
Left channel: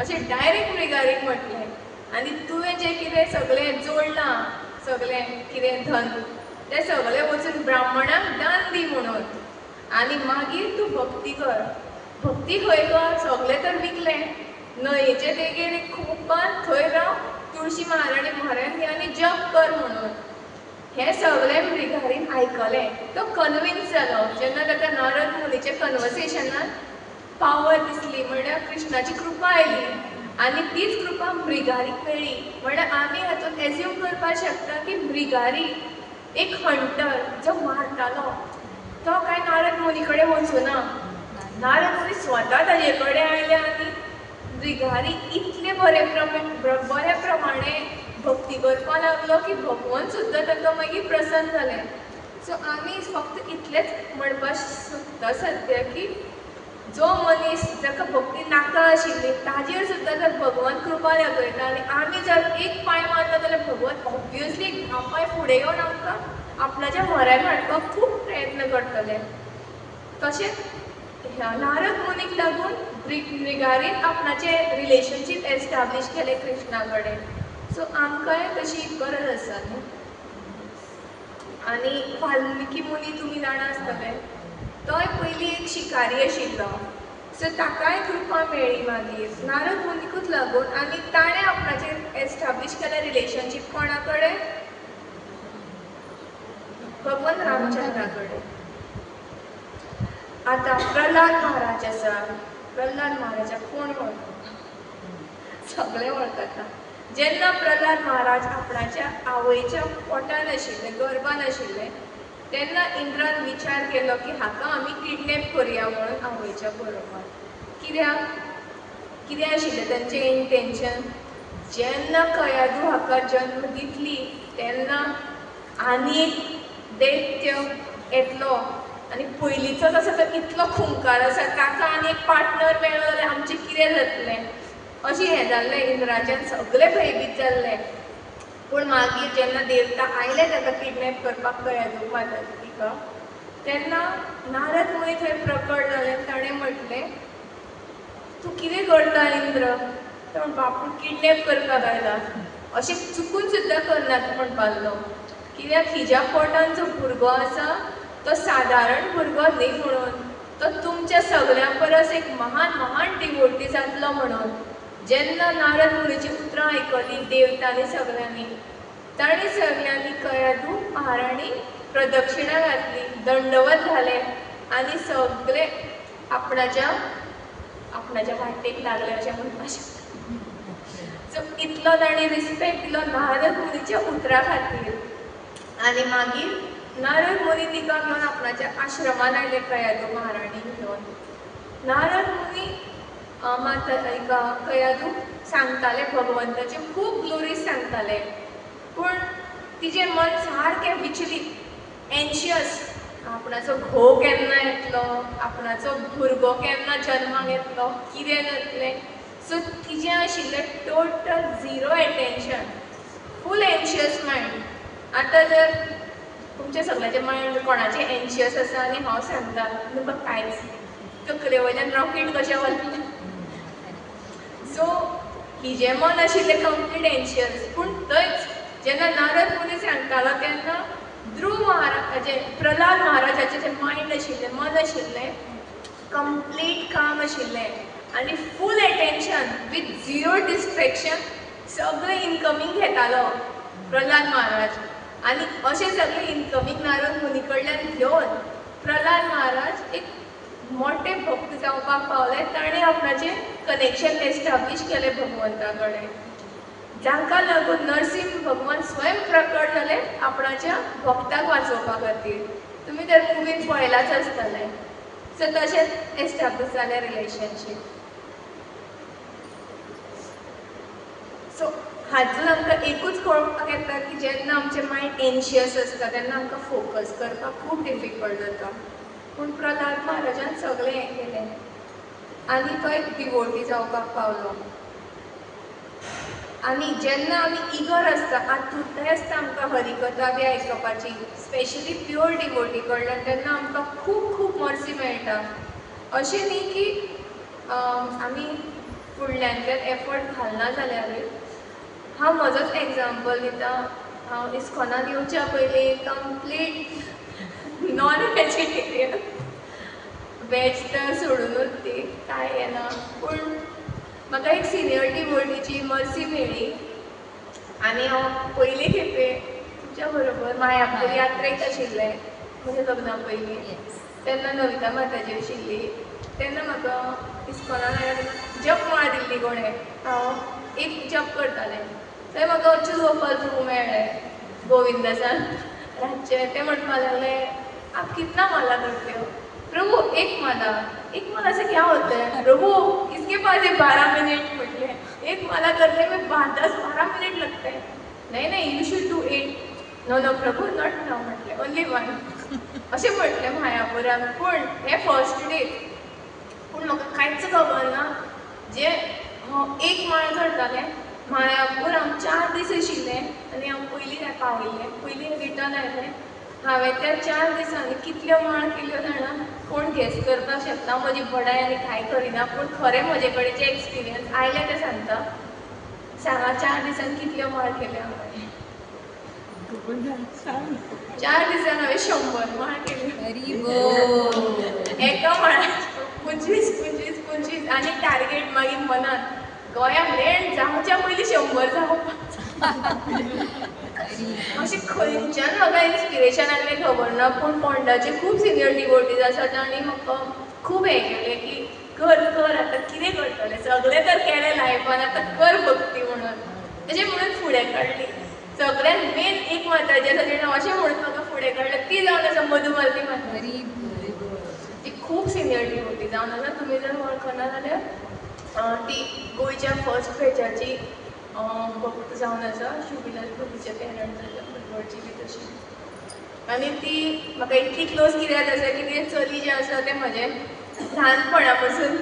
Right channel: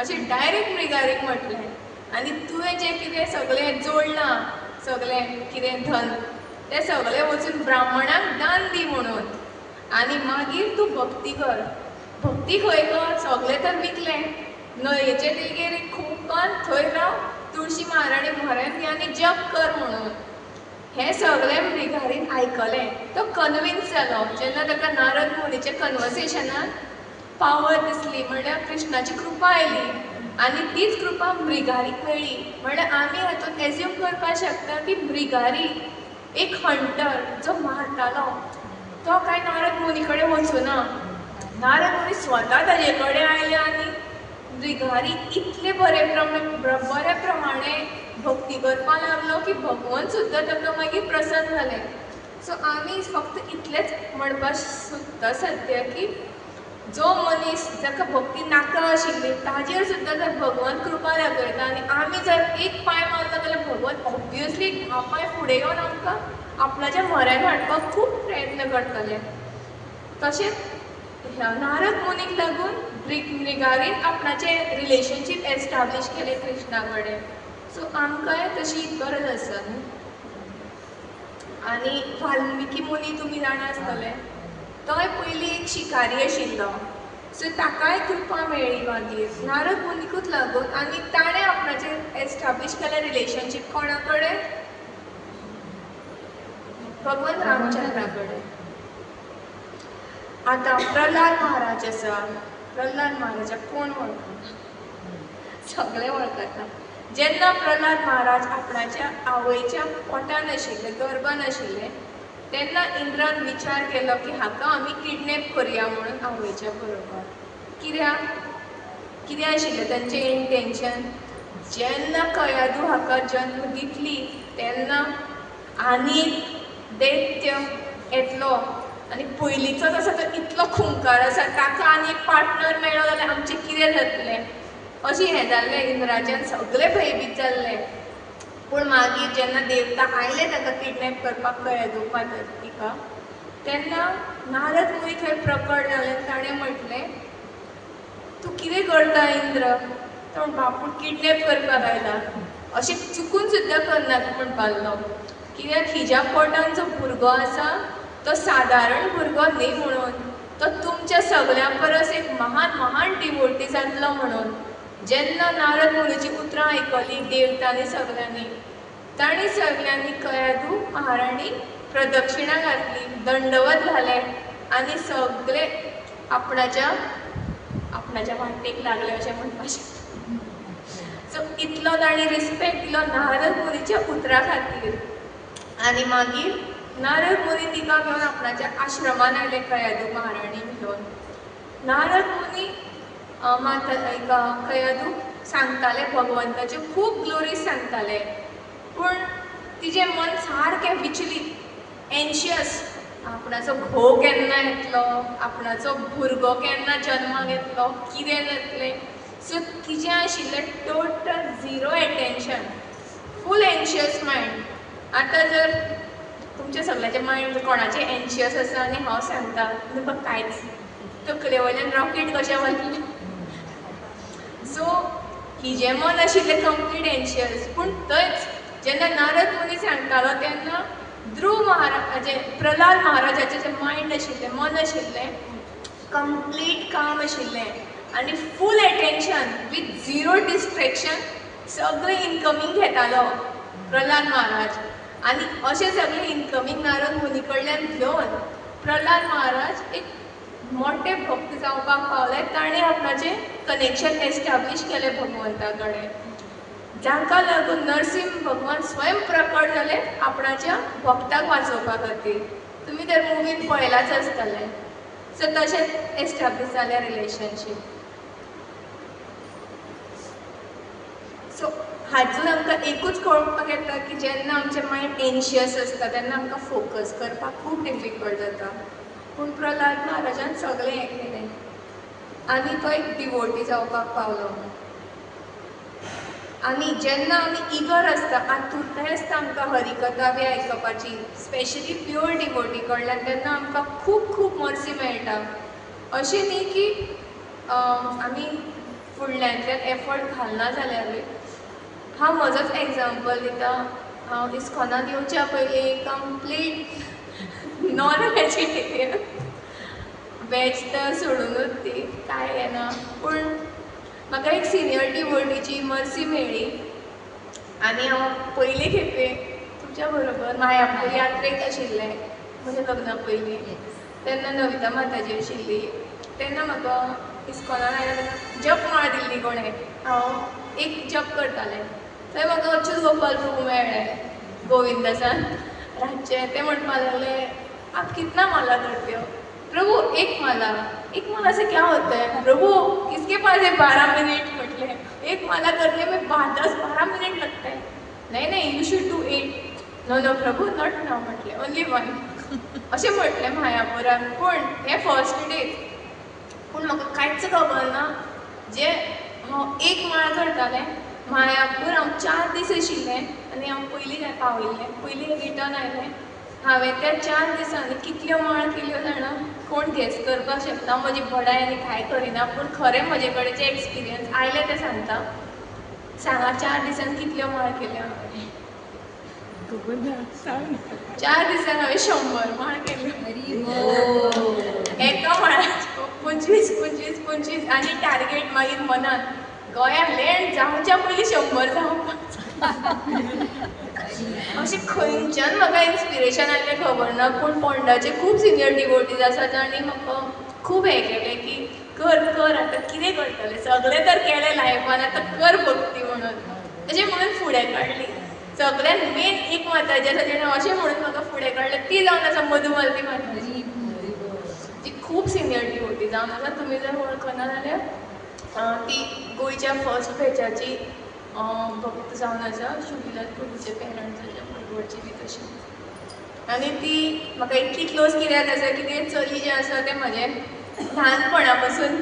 अशें डायरेक्ट मृगारीक म्हटलें आनी तुवें जें कितें सगळें जोडलां सगळें कितें धन तें सगळें वचून ब्राह्मणाक दान दी म्हणून आनी मागीर तूं भक्ती कर भक्ती खंय कर सगळें तर विकलें न्हंयेचे देगेर एक खूबकान थंय राव तुळशी महाराणी म्हऱ्यांत घे आनी जप कर म्हणून हें सगळें मृगारीन आयकलें तो कन्विन्स जालो जेन्ना ताका नारद मुनीच्या कन्वर्सेशनान पावर दिसली म्हणल्यार कृष्णाची कृपा आयली आनी तीच कृपा मृगारीक मेळ्ळी म्हणल्यार आमी हातूंत एज्यूम करपाक शकता की मृगारी एक हंटर जो मारतालो तो काय नारद मुनी कडेन वचूना नारद मुनी स्वता ताजे कडेन आयले आनी मृगारी इतले बरे प्रमाणे भक्ती करपाक लागलो की भगवान सुद्दां ताका मागीर प्रसन्न जालें सो आमी फक्त इतलेंच म्हणपाक सोदता सद्या की जो मनीस जाका भक्ती नाका आशिल्ली ताजेर सुद्दां जर भगवान कृपा दाखयता आनी आमी जर एक पांय मारलो जाल्यार भगवान ऑब्वियसली धा पांय फुडें येवन आमकां आपणाच्या म्हऱ्यान हाडपाक खूब प्रयत्न करतले तशेंच नारद मुनीक लागून मृगारीन आपणाचें रिलेशनशीप एस्टाब्लीश केलें कृष्णा कडेन सो आमकांय तशी गरज आसा न्ही आनी वाल्मिकी मुनी तुमी जाणा आसतले तोय पयलीं एक शिकारी आशिल्लो सो ताकाय कृपा मेळ्ळी मागीर नारद मुनीकूच लागून आनी ताणें आपणाचें एस्टाब्लीश केलें रिलेशनशीप कोणा कडेन भगवान रामचंद्रा कडेन आतां प्रल्हाद महाराज आसा प्रल्हाद महाराजाक कोण वळखता सगळे वळखता जेन्ना प्रल्हाद महाराज आपणाच्या आवयच्या पोटान आशिल्ले गर्भान आशिल्ले तेन्ना इंद्रान विचार केलो की हाका आमी किडनॅप करया म्हणून आवयच्या बरोबर कित्याक आशिल्लें तांचें इंटेंशन जेन्ना कयादू हाका जन्म दितली तेन्ना आनी दैत्य येतलो आनी पयलींचोच आसा तो इतलो खुंकार आसा ताका आनी एक पार्टनर मेळ्ळो जाल्यार आमचें कितें जातलें अशें हें जाल्लें इंद्राचें सगळें भयभीत जाल्लें पूण मागीर जेन्ना देवता आयले ताका किडनॅप करपाक कयादूक तिका तेन्ना नारद मुनी थंय प्रकट जाले ताणें म्हटलें तूं कितें करता इंद्र तो म्हणपा आपूण किडनॅप करपाक आयला अशें चुकून सुद्दां करनाका म्हणपाक लागलो कित्याक हिज्या पोटान जो भुरगो आसा तो सादारण भुरगो न्ही म्हणून तो तुमच्या सगळ्यां परस एक महान डिवोटी जातलो म्हणून जेन्ना नारद मुनीची उतरां आयकलीं देवतांनी सगळ्यांनी तांणी सगळ्यांनी कयादू महाराणी प्रदक्षिणा घातली दंडवत घाले आनी सगळे आपणाच्या वाटेक लागले अशें म्हणपाक शकता सो इतलो तांणी रिस्पेक्ट दिलो नारद मुनीच्या उतरा खातीर आनी मागीर नारद मुनी तिका घेवन आपणाच्या आश्रमान आयले कयादू महाराणी घेवन नारद मुनी कयादू सांगताले भगवंताचे खूब ग्लोरीज सांगताले पूण तिजें मन सारकें विचलीत एन्शियस आपणाचो घोव केन्ना येतलो आपणाचो भुरगो केन्ना जल्माक येतलो कितें जातलें सो तिजें आशिल्लें टोटल झिरो एटेन्शन फूल एन्शियस मायंड आतां जर तुमचे सगळ्याचे मायंड कोणाचे एन्शियस आसा आनी हांव सांगता तुमकां कांयच तकले वयल्यान रॉकेट कशें वतलें. सो हिजें मन आशिल्लें कंप्लीट एन्शियस. पूण थंयच जेन्ना नारद मुनी सांगतालो तेन्ना ध्रुव महाराजाचें प्रल्हाद महाराजाचें जें मायंड आशिल्लें मन आशिल्लें कंप्लीट काम आशिल्लें आनी फूल एटेन्शन विथ झिरो डिस्ट्रॅक्शन सगळें इनकमींग घेतालो प्रल्हाद महाराज. आनी अशें सगळें इनकमींग नारद मुनी कडल्यान घेवन प्रल्हाद महाराज एक मोठे भक्त जावपाक पावले. ताणें आपणाचें कनेक्शन एस्टाब्लीश केलें भगवंता कडेन, जांकां लागून नरसिंह भगवान स्वयं प्रकट जाले आपणाच्या भक्ताक वाचोवपा खातीर. तुमी तर मुवीन पळयलाच आसतलें. सो तशेंच एस्टाब्लीश जालें रिलेशनशीप. सो हातूंत आमकां एकूच कळपाक येता की जेन्ना आमचें मायंड एन्शियस आसता तेन्ना आमकां फोकस करपाक खूब डिफिकल्ट जाता. पूण प्रल्हाद महाराजान सगळें हें केलें आनी तो एक डिवोटी जावपाक पावलो. आनी जेन्ना आमी इगर आसता, आतुरताय आसता आमकां हरिकथा बी आयकपाची, स्पेशली प्युअर डिवोटी कडल्यान, तेन्ना आमकां खूब खूब मर्सी मेळटा. अशें न्ही की आमी फुडल्यांतल्यान एफर्ट घालना जाल्यारूय. हांव म्हजोच एग्जाम्पल दितां. हांव इस्कॉनान येवच्या पयलीं कंप्लीट नॉन वेजिटेरियन, वेज तर सोडूनच ती कांय येना. पूण म्हाका एक सिनियर डिवोटीची मर्सी मेळ्ळी आनी हांव पयले खेपे तुमच्या बरोबर मायापूर यात्रेक आशिल्लें म्हज्या लग्ना पयलीं. तेन्ना नविता माताजी आशिल्ली. तेन्ना म्हाका इस्कॉनान आयल्या तेन्ना जप माळ दिल्ली कोणें. हांव एक जप करतालें. थंय म्हाका अच्युत गोपाल प्रभू मेळ्ळे गोविंदासान रातचे. ते म्हणपाक लागले, आप कितना माला करते हो? प्रभु एक माला से क्या होता है? प्रभु इसके पास है 12 मिनट. म्हटले एक माला करने में 10-12 मिनट लगता है. नहीं you should do 8. No Prabhu not now. म्हटले ओनली 1. अशें म्हटलें मायापुरान. पूण हे फर्स्ट डे. पूण म्हाका कांयच खबर ना जे हांव एक माळ करतालें. मायापूर हांव 4 दीस आशिल्लें आनी हांव पयलीं पावयल्लें, पयलीं रिटर्न आयलें. हांवें त्या 4 दिसांनी कितल्यो माळ केल्यो जाणा कोण गेस करपाक शकता. म्हजी बडाय आनी कांय करिना. पूण खरें म्हजे कडेन जे एक्सपिरियन्स आयले ते सांगता. सांगा 4 दिसान कितल्यो माळ केल्यो हांवें? 4 दिसान हांवें 100 माळ केल्यो. एका माळाच्यो 25 आनी टार्गेट मागीर मनान गोंयांत लँड जावच्या पयलीं 100 जावपाक. अशें खंयच्यान म्हाका इन्स्पिरेशन आसलें खबर ना. पूण फोंडाचे खूब सिनियर डिवोटीज आसात तांणी म्हाका खूब हें केलें की कर आतां कितें करतलें, सगळें तर केलें लायफान, आतां कर भक्ती म्हणून. अशें म्हणून फुडें काडली. सगळ्यान मेन एक माताजी आसा तेणें अशें म्हणून म्हाका फुडें काडलें. ती जावन आसा मधुमालती माताजी. ती खूब सिनियर डिवोटी जावन आसा. तुमी जर वळखना जाल्यार ती गोंयच्या फर्स्ट बॅचाची भक्त जावन आसा. शुभिलाल प्रभूचे पेरंट्साच्या भुरगोडची बी तशी. आनी ती म्हाका इतली क्लोज कित्याक आसा की ते चली जे आसा ते म्हजें ल्हानपणा पासून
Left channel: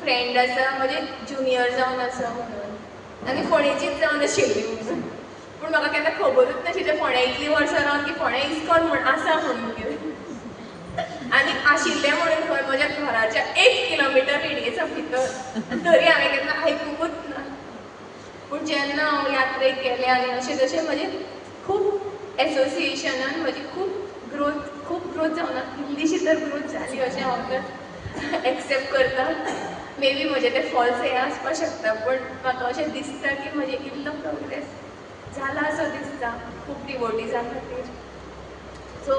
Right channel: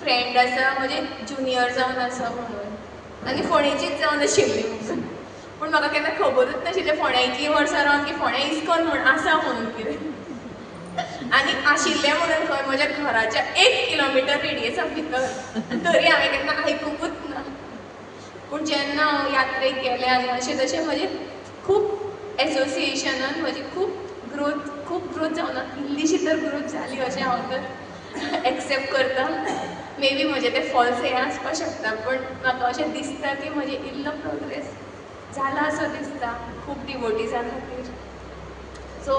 फ्रेंड आसा, म्हजे ज्युनियर जावन आसा म्हणून. आनी फोंडेचीच जावन आशिल्ली म्हणून. पूण म्हाका केन्ना खबरूच नाशिल्लें फोंड्या इतलीं वर्सां रावन की फोंड्या इस्कॉन म्हूण आसा म्हणून कितें. आनी आशिल्लें म्हणून खंय म्हज्या घराच्या 1 किलोमिटर रेडियसा भितर. तरी हांवें केन्ना आयकुंकूच ना. पूण जेन्ना हांव यात्रेक गेलें आनी अशें तशें म्हजें खूब एसोसिएशनान म्हजी खूब ग्रोथ जावना. इल्लीशी तर ग्रोथ जाली अशें हांव तर एक्सेप्ट करता. मे बी म्हजें तें फॉल्स हें आसपाक शकता. पूण म्हाका अशें दिसता की म्हजें इल्लो प्रोग्रेस जाला असो दिसता खूब डिवोटीजां खातीर. सो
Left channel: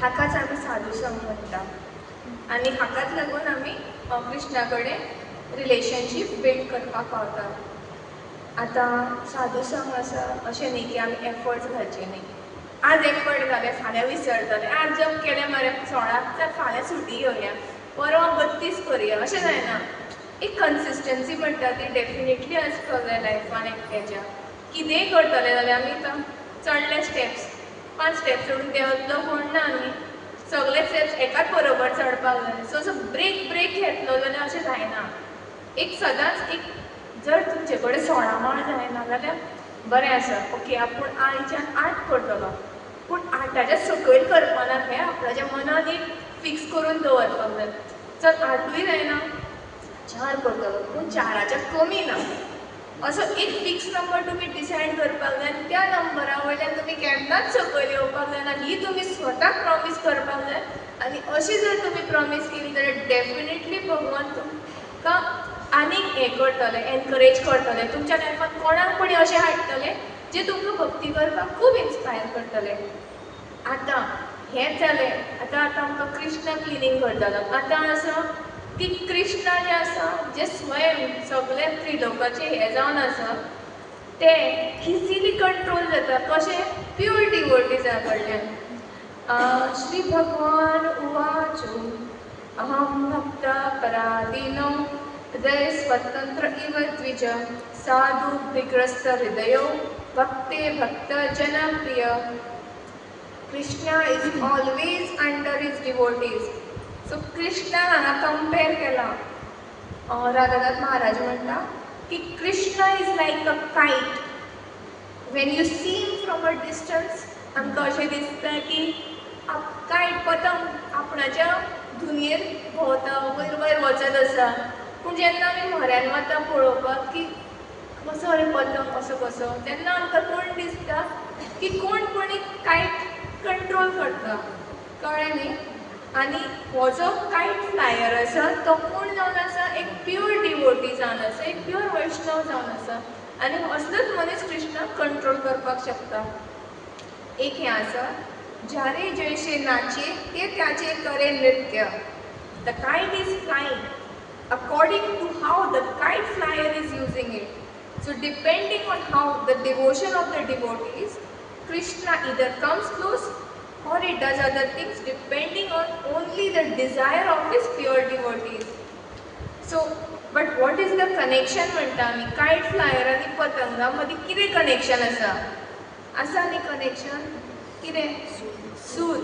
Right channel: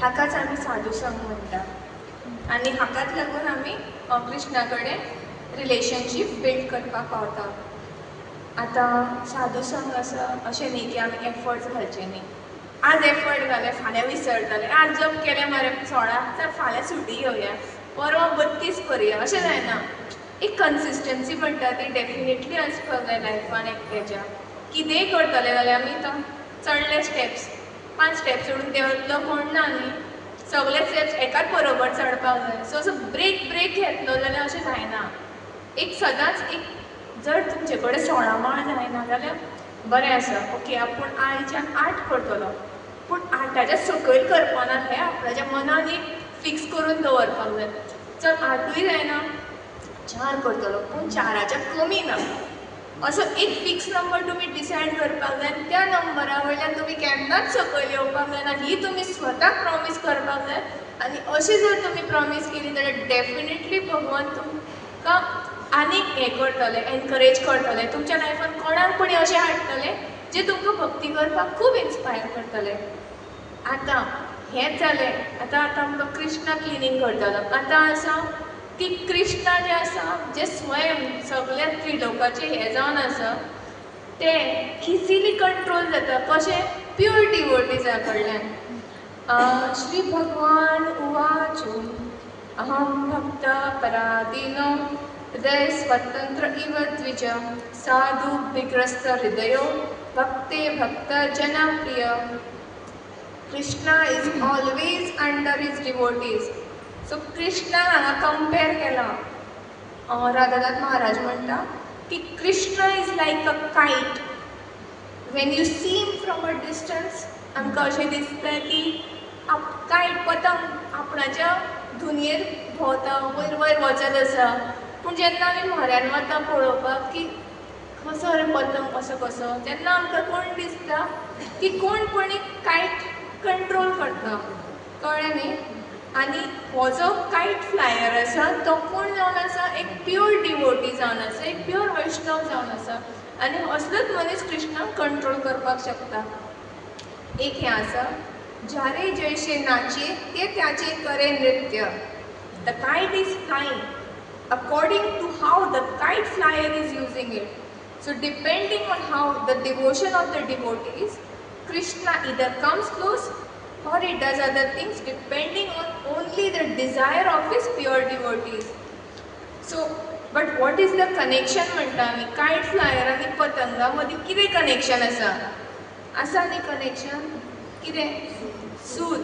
हाकाच आमी साधू संग म्हणटा. आनी हाकाच लागून आमी कृष्णा कडेन रिलेशनशीप बिल्ड करपाक पावता. आतां साधू संग आसा अशें न्ही की आमी एफर्ट्स घालचे न्ही. आज एफर्ट घाले फाल्यां विसरतले. आज जप केलें मरे 16 तर फाल्यां सुटी घेवया, परवा 32 करुया अशें जायना. एक कन्सिस्टन्सी म्हणटा ती डेफिनेटली आसपाक जाय लायफान एकट्याच्या. कितेंय करतले जाल्यार आमी आतां चडले स्टेप्स 5 स्टेप्स सोडून देंवतलो म्हणना न्ही. सगळे स्टेप्स एकाच बरोबर चडपाक जाय. सो असो ब्रेक घेतलो जाल्यार अशें जायना. एक सदांच एक जर तुमचे कडेन 16 माळ जायना जाल्यार बरें आसा. ओके आपूण आयच्यान 8 करतलो. पूण 8च्या सकयल करपाना हें आपणाच्या मनान एक फिक्स करून दवरपाक जाय. चल 8य जायना 4 करतलो पूण 4च्या कमी ना असो एक फिक्स नंबर तुमी डिसायड करपाक जाय. त्या नंबरा वयल्यान तुमी केन्नाच सकयल येवपाक जायना ही तुमी स्वताक प्रॉमीस करपाक जाय. आनी अशी जर तुमी प्रॉमीस केली जाल्यार डेफिनेटली भगवान तुमकां आनीक हें करतले, एनकरेज करतले. तुमच्या लायफान कोणाक तरी अशें हाडटले जे तुमकां भक्ती करपाक खूब इन्स्पायर करतले. आतां हेंच जालें. आतां आमकां कृष्ण क्लिनींग करतलो. आतां आसा की कृष्ण जे आसा जे स्वयं सगळे त्रिलोकाचे हे जावन आसा ते इजिली कंट्रोल जाता. कशें? प्युअर डिवोटीजा कडल्यान. श्री भगवान उवाच अहं भक्त पराधीनो हृदय स्वतंत्र इव द्विज साधु विग्रस्त हृदयो भक्ते भक्त जनप्रिय. Krishna is always under his devotees. So कृष्णान हांगा कंपेर केला. राधानाथ महाराज म्हणटा की कृष्ण इज लायक अ कायट. Wien you see him from a distance आमकां अशें दिसता की कायट पतंग आपणाच्या दुनयेर भोंवता, वयर वयर वचत आसा. पूण जेन्ना आमी म्हऱ्यान वता पळोवपाक की कसो रे पतंग असो कसो, तेन्ना आमकां कोण दिसता की कोण पण एक कायट कंट्रोल करता. कळ्ळें न्ही? आनी हो जो कायट फ्लायर आसा तो कोण जावन आसा? एक प्युअर डिवोटी जावन आसा, एक प्युअर वैष्णव जावन आसा. आनी असलोच मनीस कृष्णाक कंट्रोल करपाक शकता. एक हें आसा ज्यारे जैसे नाचे ते त्याचे करे नृत्य. द कायट is flying according to how the kite flyer is using it. So depending on how the devotion of the devotees, Krishna either comes close or he does other things depending on only the desire of his pure devotees. So, but what is the connection म्हणटा आमी? कायट फ्लायर आनी पतंगा मदीं कितें कनेक्शन आसा? आसा न्ही कनेक्शन? कितें? सूत.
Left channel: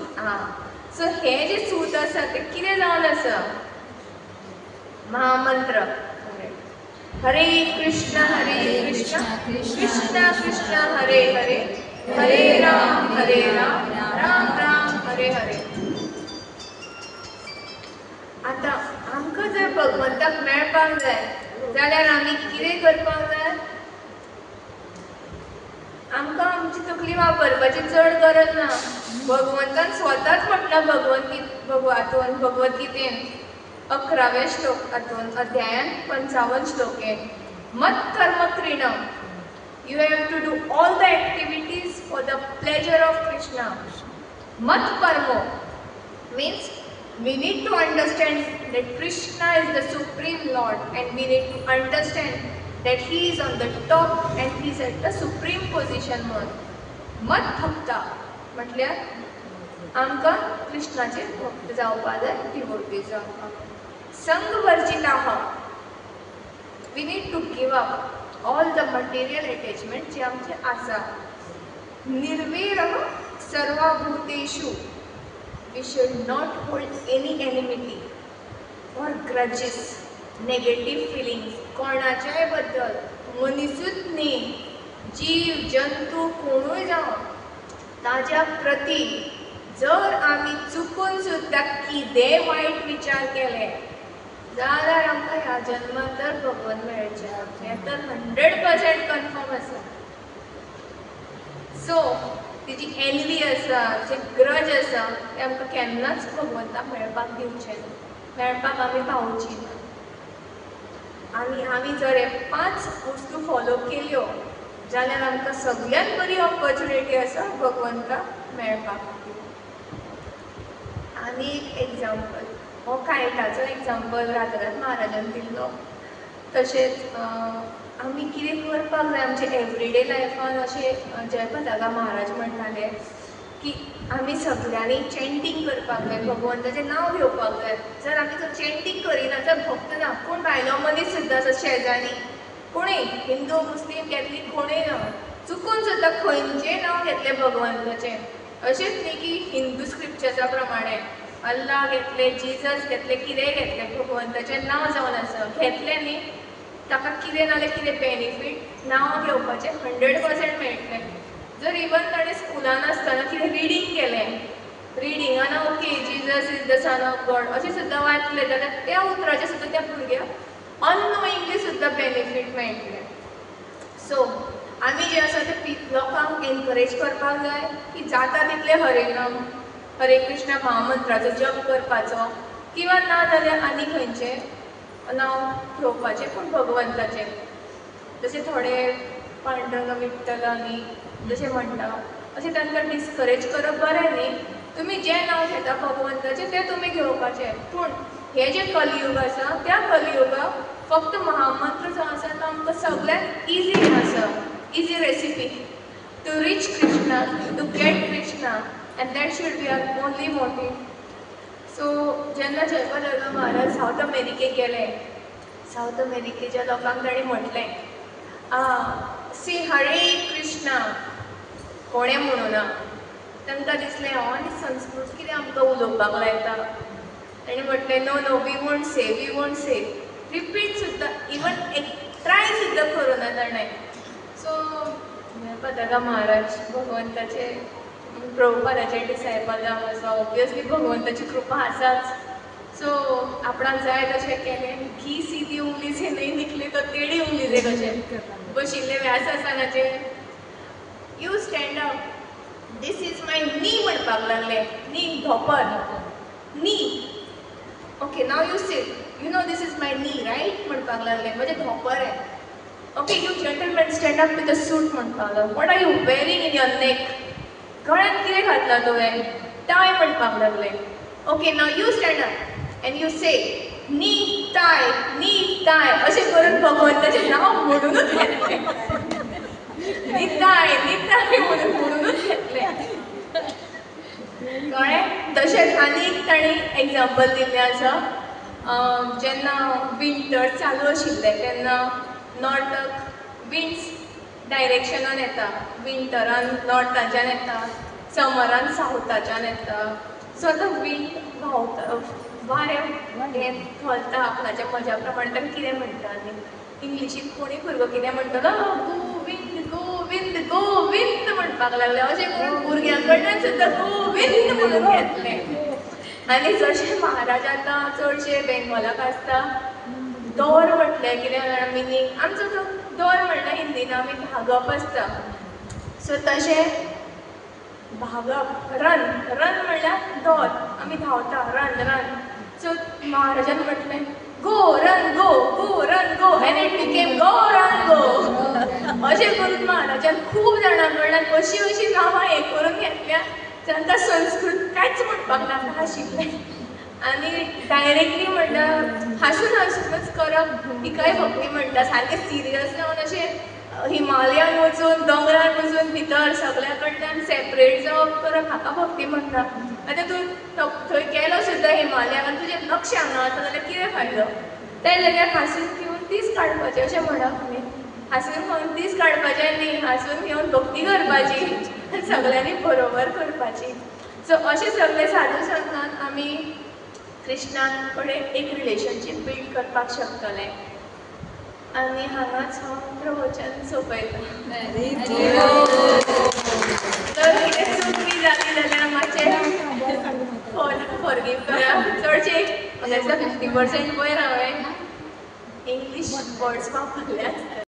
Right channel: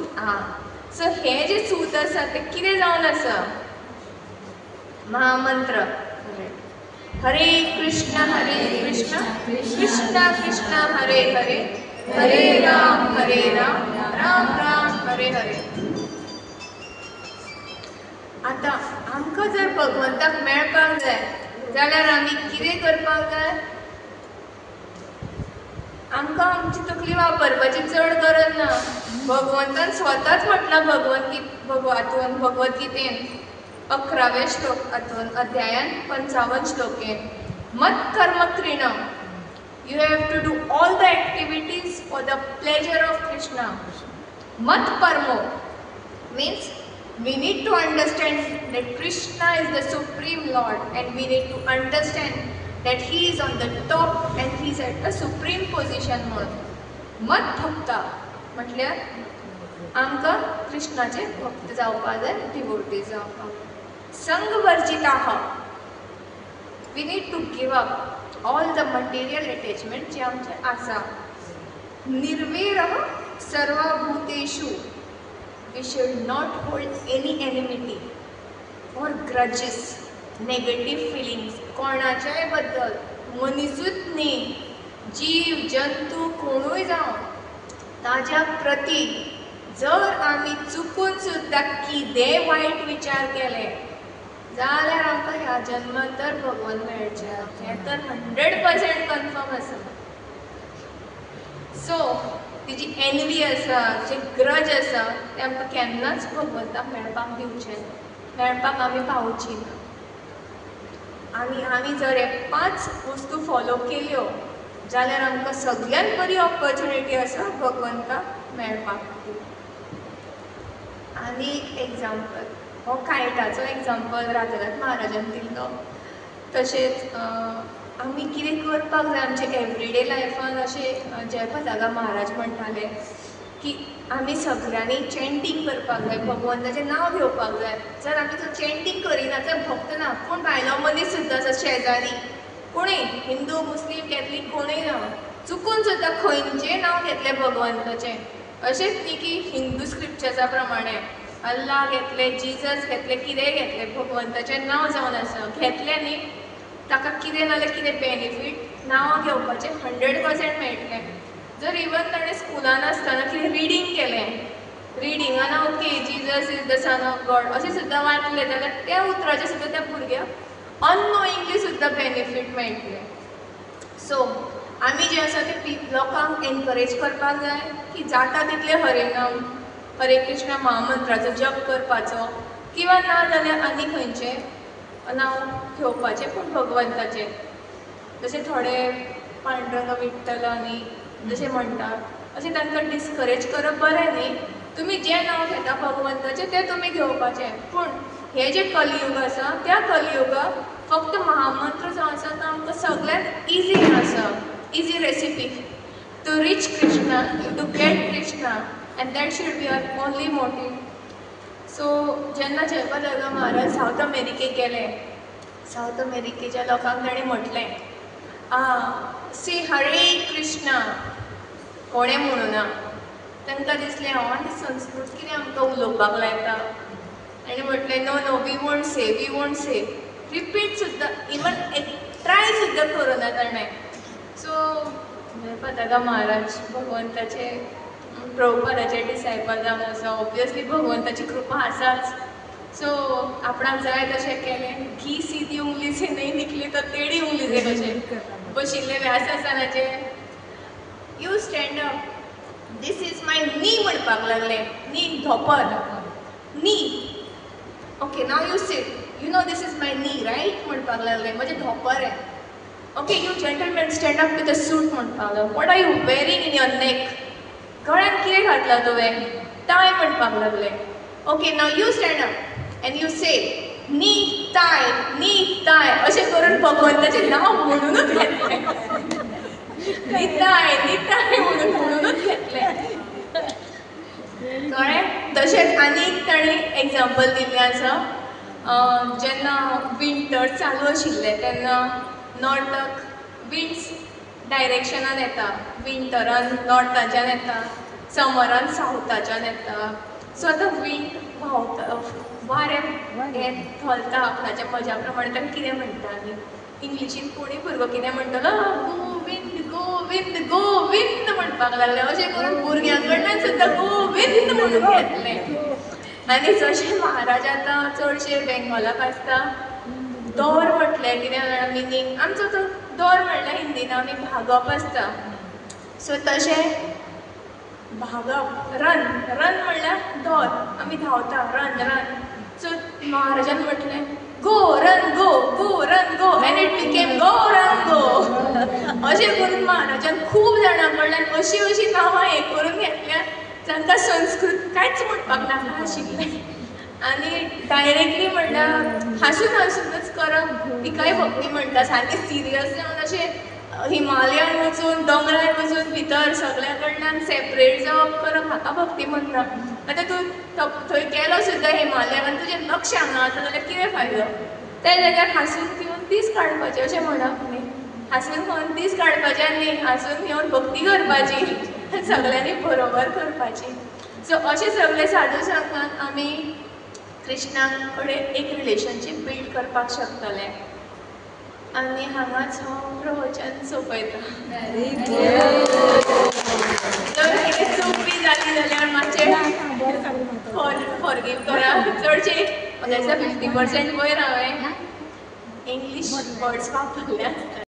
सो हे जे सूत आसा ते कितें जावन आसा? महामंत्र. हरे कृष्ण कृष्ण कृष्ण हरे हरे, हरे राम राम राम हरे हरे. आतां आमकां जर भगवंताक मेळपाक जाय जाल्यार आमी कितें करपाक जाय? आमकां आमची तकली वापरपाची चड गरज ना. भगवंतान स्वताच म्हटलां भगवत गीतेन 11व्या श्लोकांतून अध्यायान 55 श्लोकेन मत कर्म तृणम. You have to do all the activities for the pleasure of Krishna. Mat parmo means we need to understand that Krishna is the supreme Lord and we need to understand that he is on the top and he is at the supreme position. Mat bhakta म्हटल्यार आमकां कृष्णाचे भक्त जावपाक जाय, डिवोटी जावपाक. संग वर्जिताः. We need to give up all the material attachment जे आमचे आसा. निर्वैरः सर्वभूतेषु. We should not hold any enmity or grudges, negative feelings कोणाच्याय बद्दल. मनीसूच न्ही, जीव जंतू कोणूय जावं ताज्या प्रती जर आमी चुकून सुद्दां कितेंय वायट विचार केले जाल्यार आमकां ह्या जन्मांत तर भगवान मेळचें. हें तर 100% कन्फर्म आसा. सो तेजी एनवी आसा, जे ग्रज आसा ते आमकां केन्नाच भगवंताक मेळपाक दिवचें ना, मेळपाक आमी पावची ना. आनी आमी जर हे 5 वस्तू फॉलो केल्यो जाल्यार आमकां सगळ्यांत बरी ऑपॉर्च्युनिटी आसा भगवंताक मेळपाक. आनी एक एग्जाम्पल हो कायटाचो एग्जाम्पल राधानाथ महाराजान दिल्लो. तशेंच आमी कितें करपाक जाय आमचे एवरीडे लायफान. अशें जय पताका महाराज म्हणटाले की आमी सगळ्यांनी चॅन्टिंग करपाक जाय, भगवंताचें नांव घेवपाक जाय. जर आमी जर चॅन्टिंग करिना तर भक्त ना. कोण भायलो मनीस सुद्दां आसा शेजारी, कोणूय हिंदू मुस्लीम कॅथलीक कोणूय ना, चुकून सुद्दां खंयचेंय नांव घेतलें भगवंताचें. अशेंच न्ही की हिंदू स्क्रिप्चर्सा प्रमाणे अल्लाह घेतलें, जिजस घेतलें, कितेंय घेतलें, भगवंताचें नांव जावन आसा. घेतलें न्ही ताका कितें नाल्यार कितें बेनिफीट नांव घेवपाचें 100% मेळटलें. जर इवन ताणें स्कुलान आसतना कितें रिडींग केलें, रिडिंगान okay Jesus is the son of God अशें सुद्दां वाचलें जाल्यार त्या उतराचें सुद्दां त्या भुरग्याक अननोइंगली सुद्दां बेनिफीट मेळटलें. सो आमी जे आसा ते लोकांक एनकरेज करपाक जाय की जाता तितले हरेनाम हरे कृष्ण महामंत्राचो जप करपाचो किंवा ना जाल्यार आनी खंयचें नांव घेवपाचें पूण भगवंताचें. जशें थोडे पांडुरंग विठ्ठलांनी जशें म्हणटा अशें तांकां डिस्करेज करप बरें न्ही. तुमी जें नांव घेता भगवंताचें तें तुमी घेवपाचें. पूण हे जे कलियूग आसा त्या कलियुगाक फक्त महामंत्र जो आसा तो आमकां सगळ्यांत इजी आसा, easy recipe to reach Krishna, to get Krishna, and that should be our only motive. So जेन्ना जयपाल महाराज सावथ अमेरिकेक गेले, सावथ अमेरिकेच्या लोकांक ताणें म्हटलें सी हरे कृष्णा, कोणें म्हणूं ना. तांकां दिसलें आनी संस्कृत कितें आमकां उलोवपाक लायता. ताणें म्हटलें no no we won't say, we won't say. Repeat सुद्दां इवन एक ट्राय सुद्दां करुना ताणें. सो जयपाल महाराज भगवंताचे प्रभुपादाचे डिसायपल जावन आसा, ऑब्वियसली भगवंताची कृपा आसाच. सो आपणाक जाय तशें केलें. घी सीधी उंगली से नहीं निकली तो टेढ़ी उंगली से कशें बशिल्ले व्यासासनाचे. You stand up, this is my knee म्हणपाक लागले. नी धोपर, knee. Okay now you sit, you know this is my knee right म्हणपाक लागले. म्हजें धोपर आहे. Okay you gentleman stand up with a suit म्हणपाक लागलो. What are you wearing in your neck, गळ्यात कितें घातला तुवें, टाय म्हणपाक लागले. Okay now you stand up and you say knee ताय अशें करून भगवंताचें नांव म्हणूनच घेतलें. निताय म्हणूनच घेतलें. कळ्ळें. तशेंच आनीक ताणें एग्जाम्पल दिल्लें आसा. जेन्ना विंटर चालू आशिल्लें तेन्ना नॉर्थाक विंड्स डायरेक्शनान येता. विंटरान नॉर्थाच्यान येता, समरान सावथाच्यान येता. सो आतां विंड व्हांवता, वारें हें घालता आपणाच्या मजा प्रमाणे. ताका कितें म्हणटा आनी इंग्लिशीन कोणूय भुरगो कितें म्हणटलो गोविंद गोविंद म्हणपाक लागले. अशें करून भुरग्यां कडल्यान सुद्दां गोविंद म्हणून घेतलें. आनी जशें महाराज आतां चडशे बेंगॉलाक आसता दोर म्हटलें कितें मिनींग आमचो तो दोर म्हणल्यार हिंदीन आमी भागप आसता. सो तशें भागप, रन म्हणल्यार दोर, आमी धांवता रन. सो महाराजान म्हटलें go run go and it became go run go. अशें करून महाराजान खूब जाणां कडल्यान अशीं नांवां हें करून घेतल्या जांकां संस्कृत कांयच म्हणपाक नाशिल्लें. आनी डायरेक्टली म्हणल्यार हांसूनच करप तिकाय भक्ती म्हणटा. सारकें सिरियस जावन अशें हिमालयान वचून दोंगरार वचून भितर सगळ्या कडल्यान सेपरेट जावप करप हाका भक्ती म्हणटा. आतां तूं थंय गेलो सुद्दां हिमालयाक आनी तुजें लक्ष हांगा आसा जाल्यार कितें फायदो. त्या जाग्यार हांसून घेवन दीस काडपाचें अशें म्हणप न्ही. हांसून घेवन दीस काडपाचें न्ही, हांसून घेवन भक्ती करपाची, सगळ्यांनी बरोबर करपाची. सो अशें सगळे साधू संतान आमी कृष्णा कडेन एक रिलेशनशीप बिल्ड करपाक शकतले. आनी हांगाच हांव प्रवचन सोंपयता. जर कितें चूक बी जाली जाल्यार मातशें फॉरगीव करात. चडशे 50% वयर हांवें इंग्लीश वर्ड्स वापरल्यात.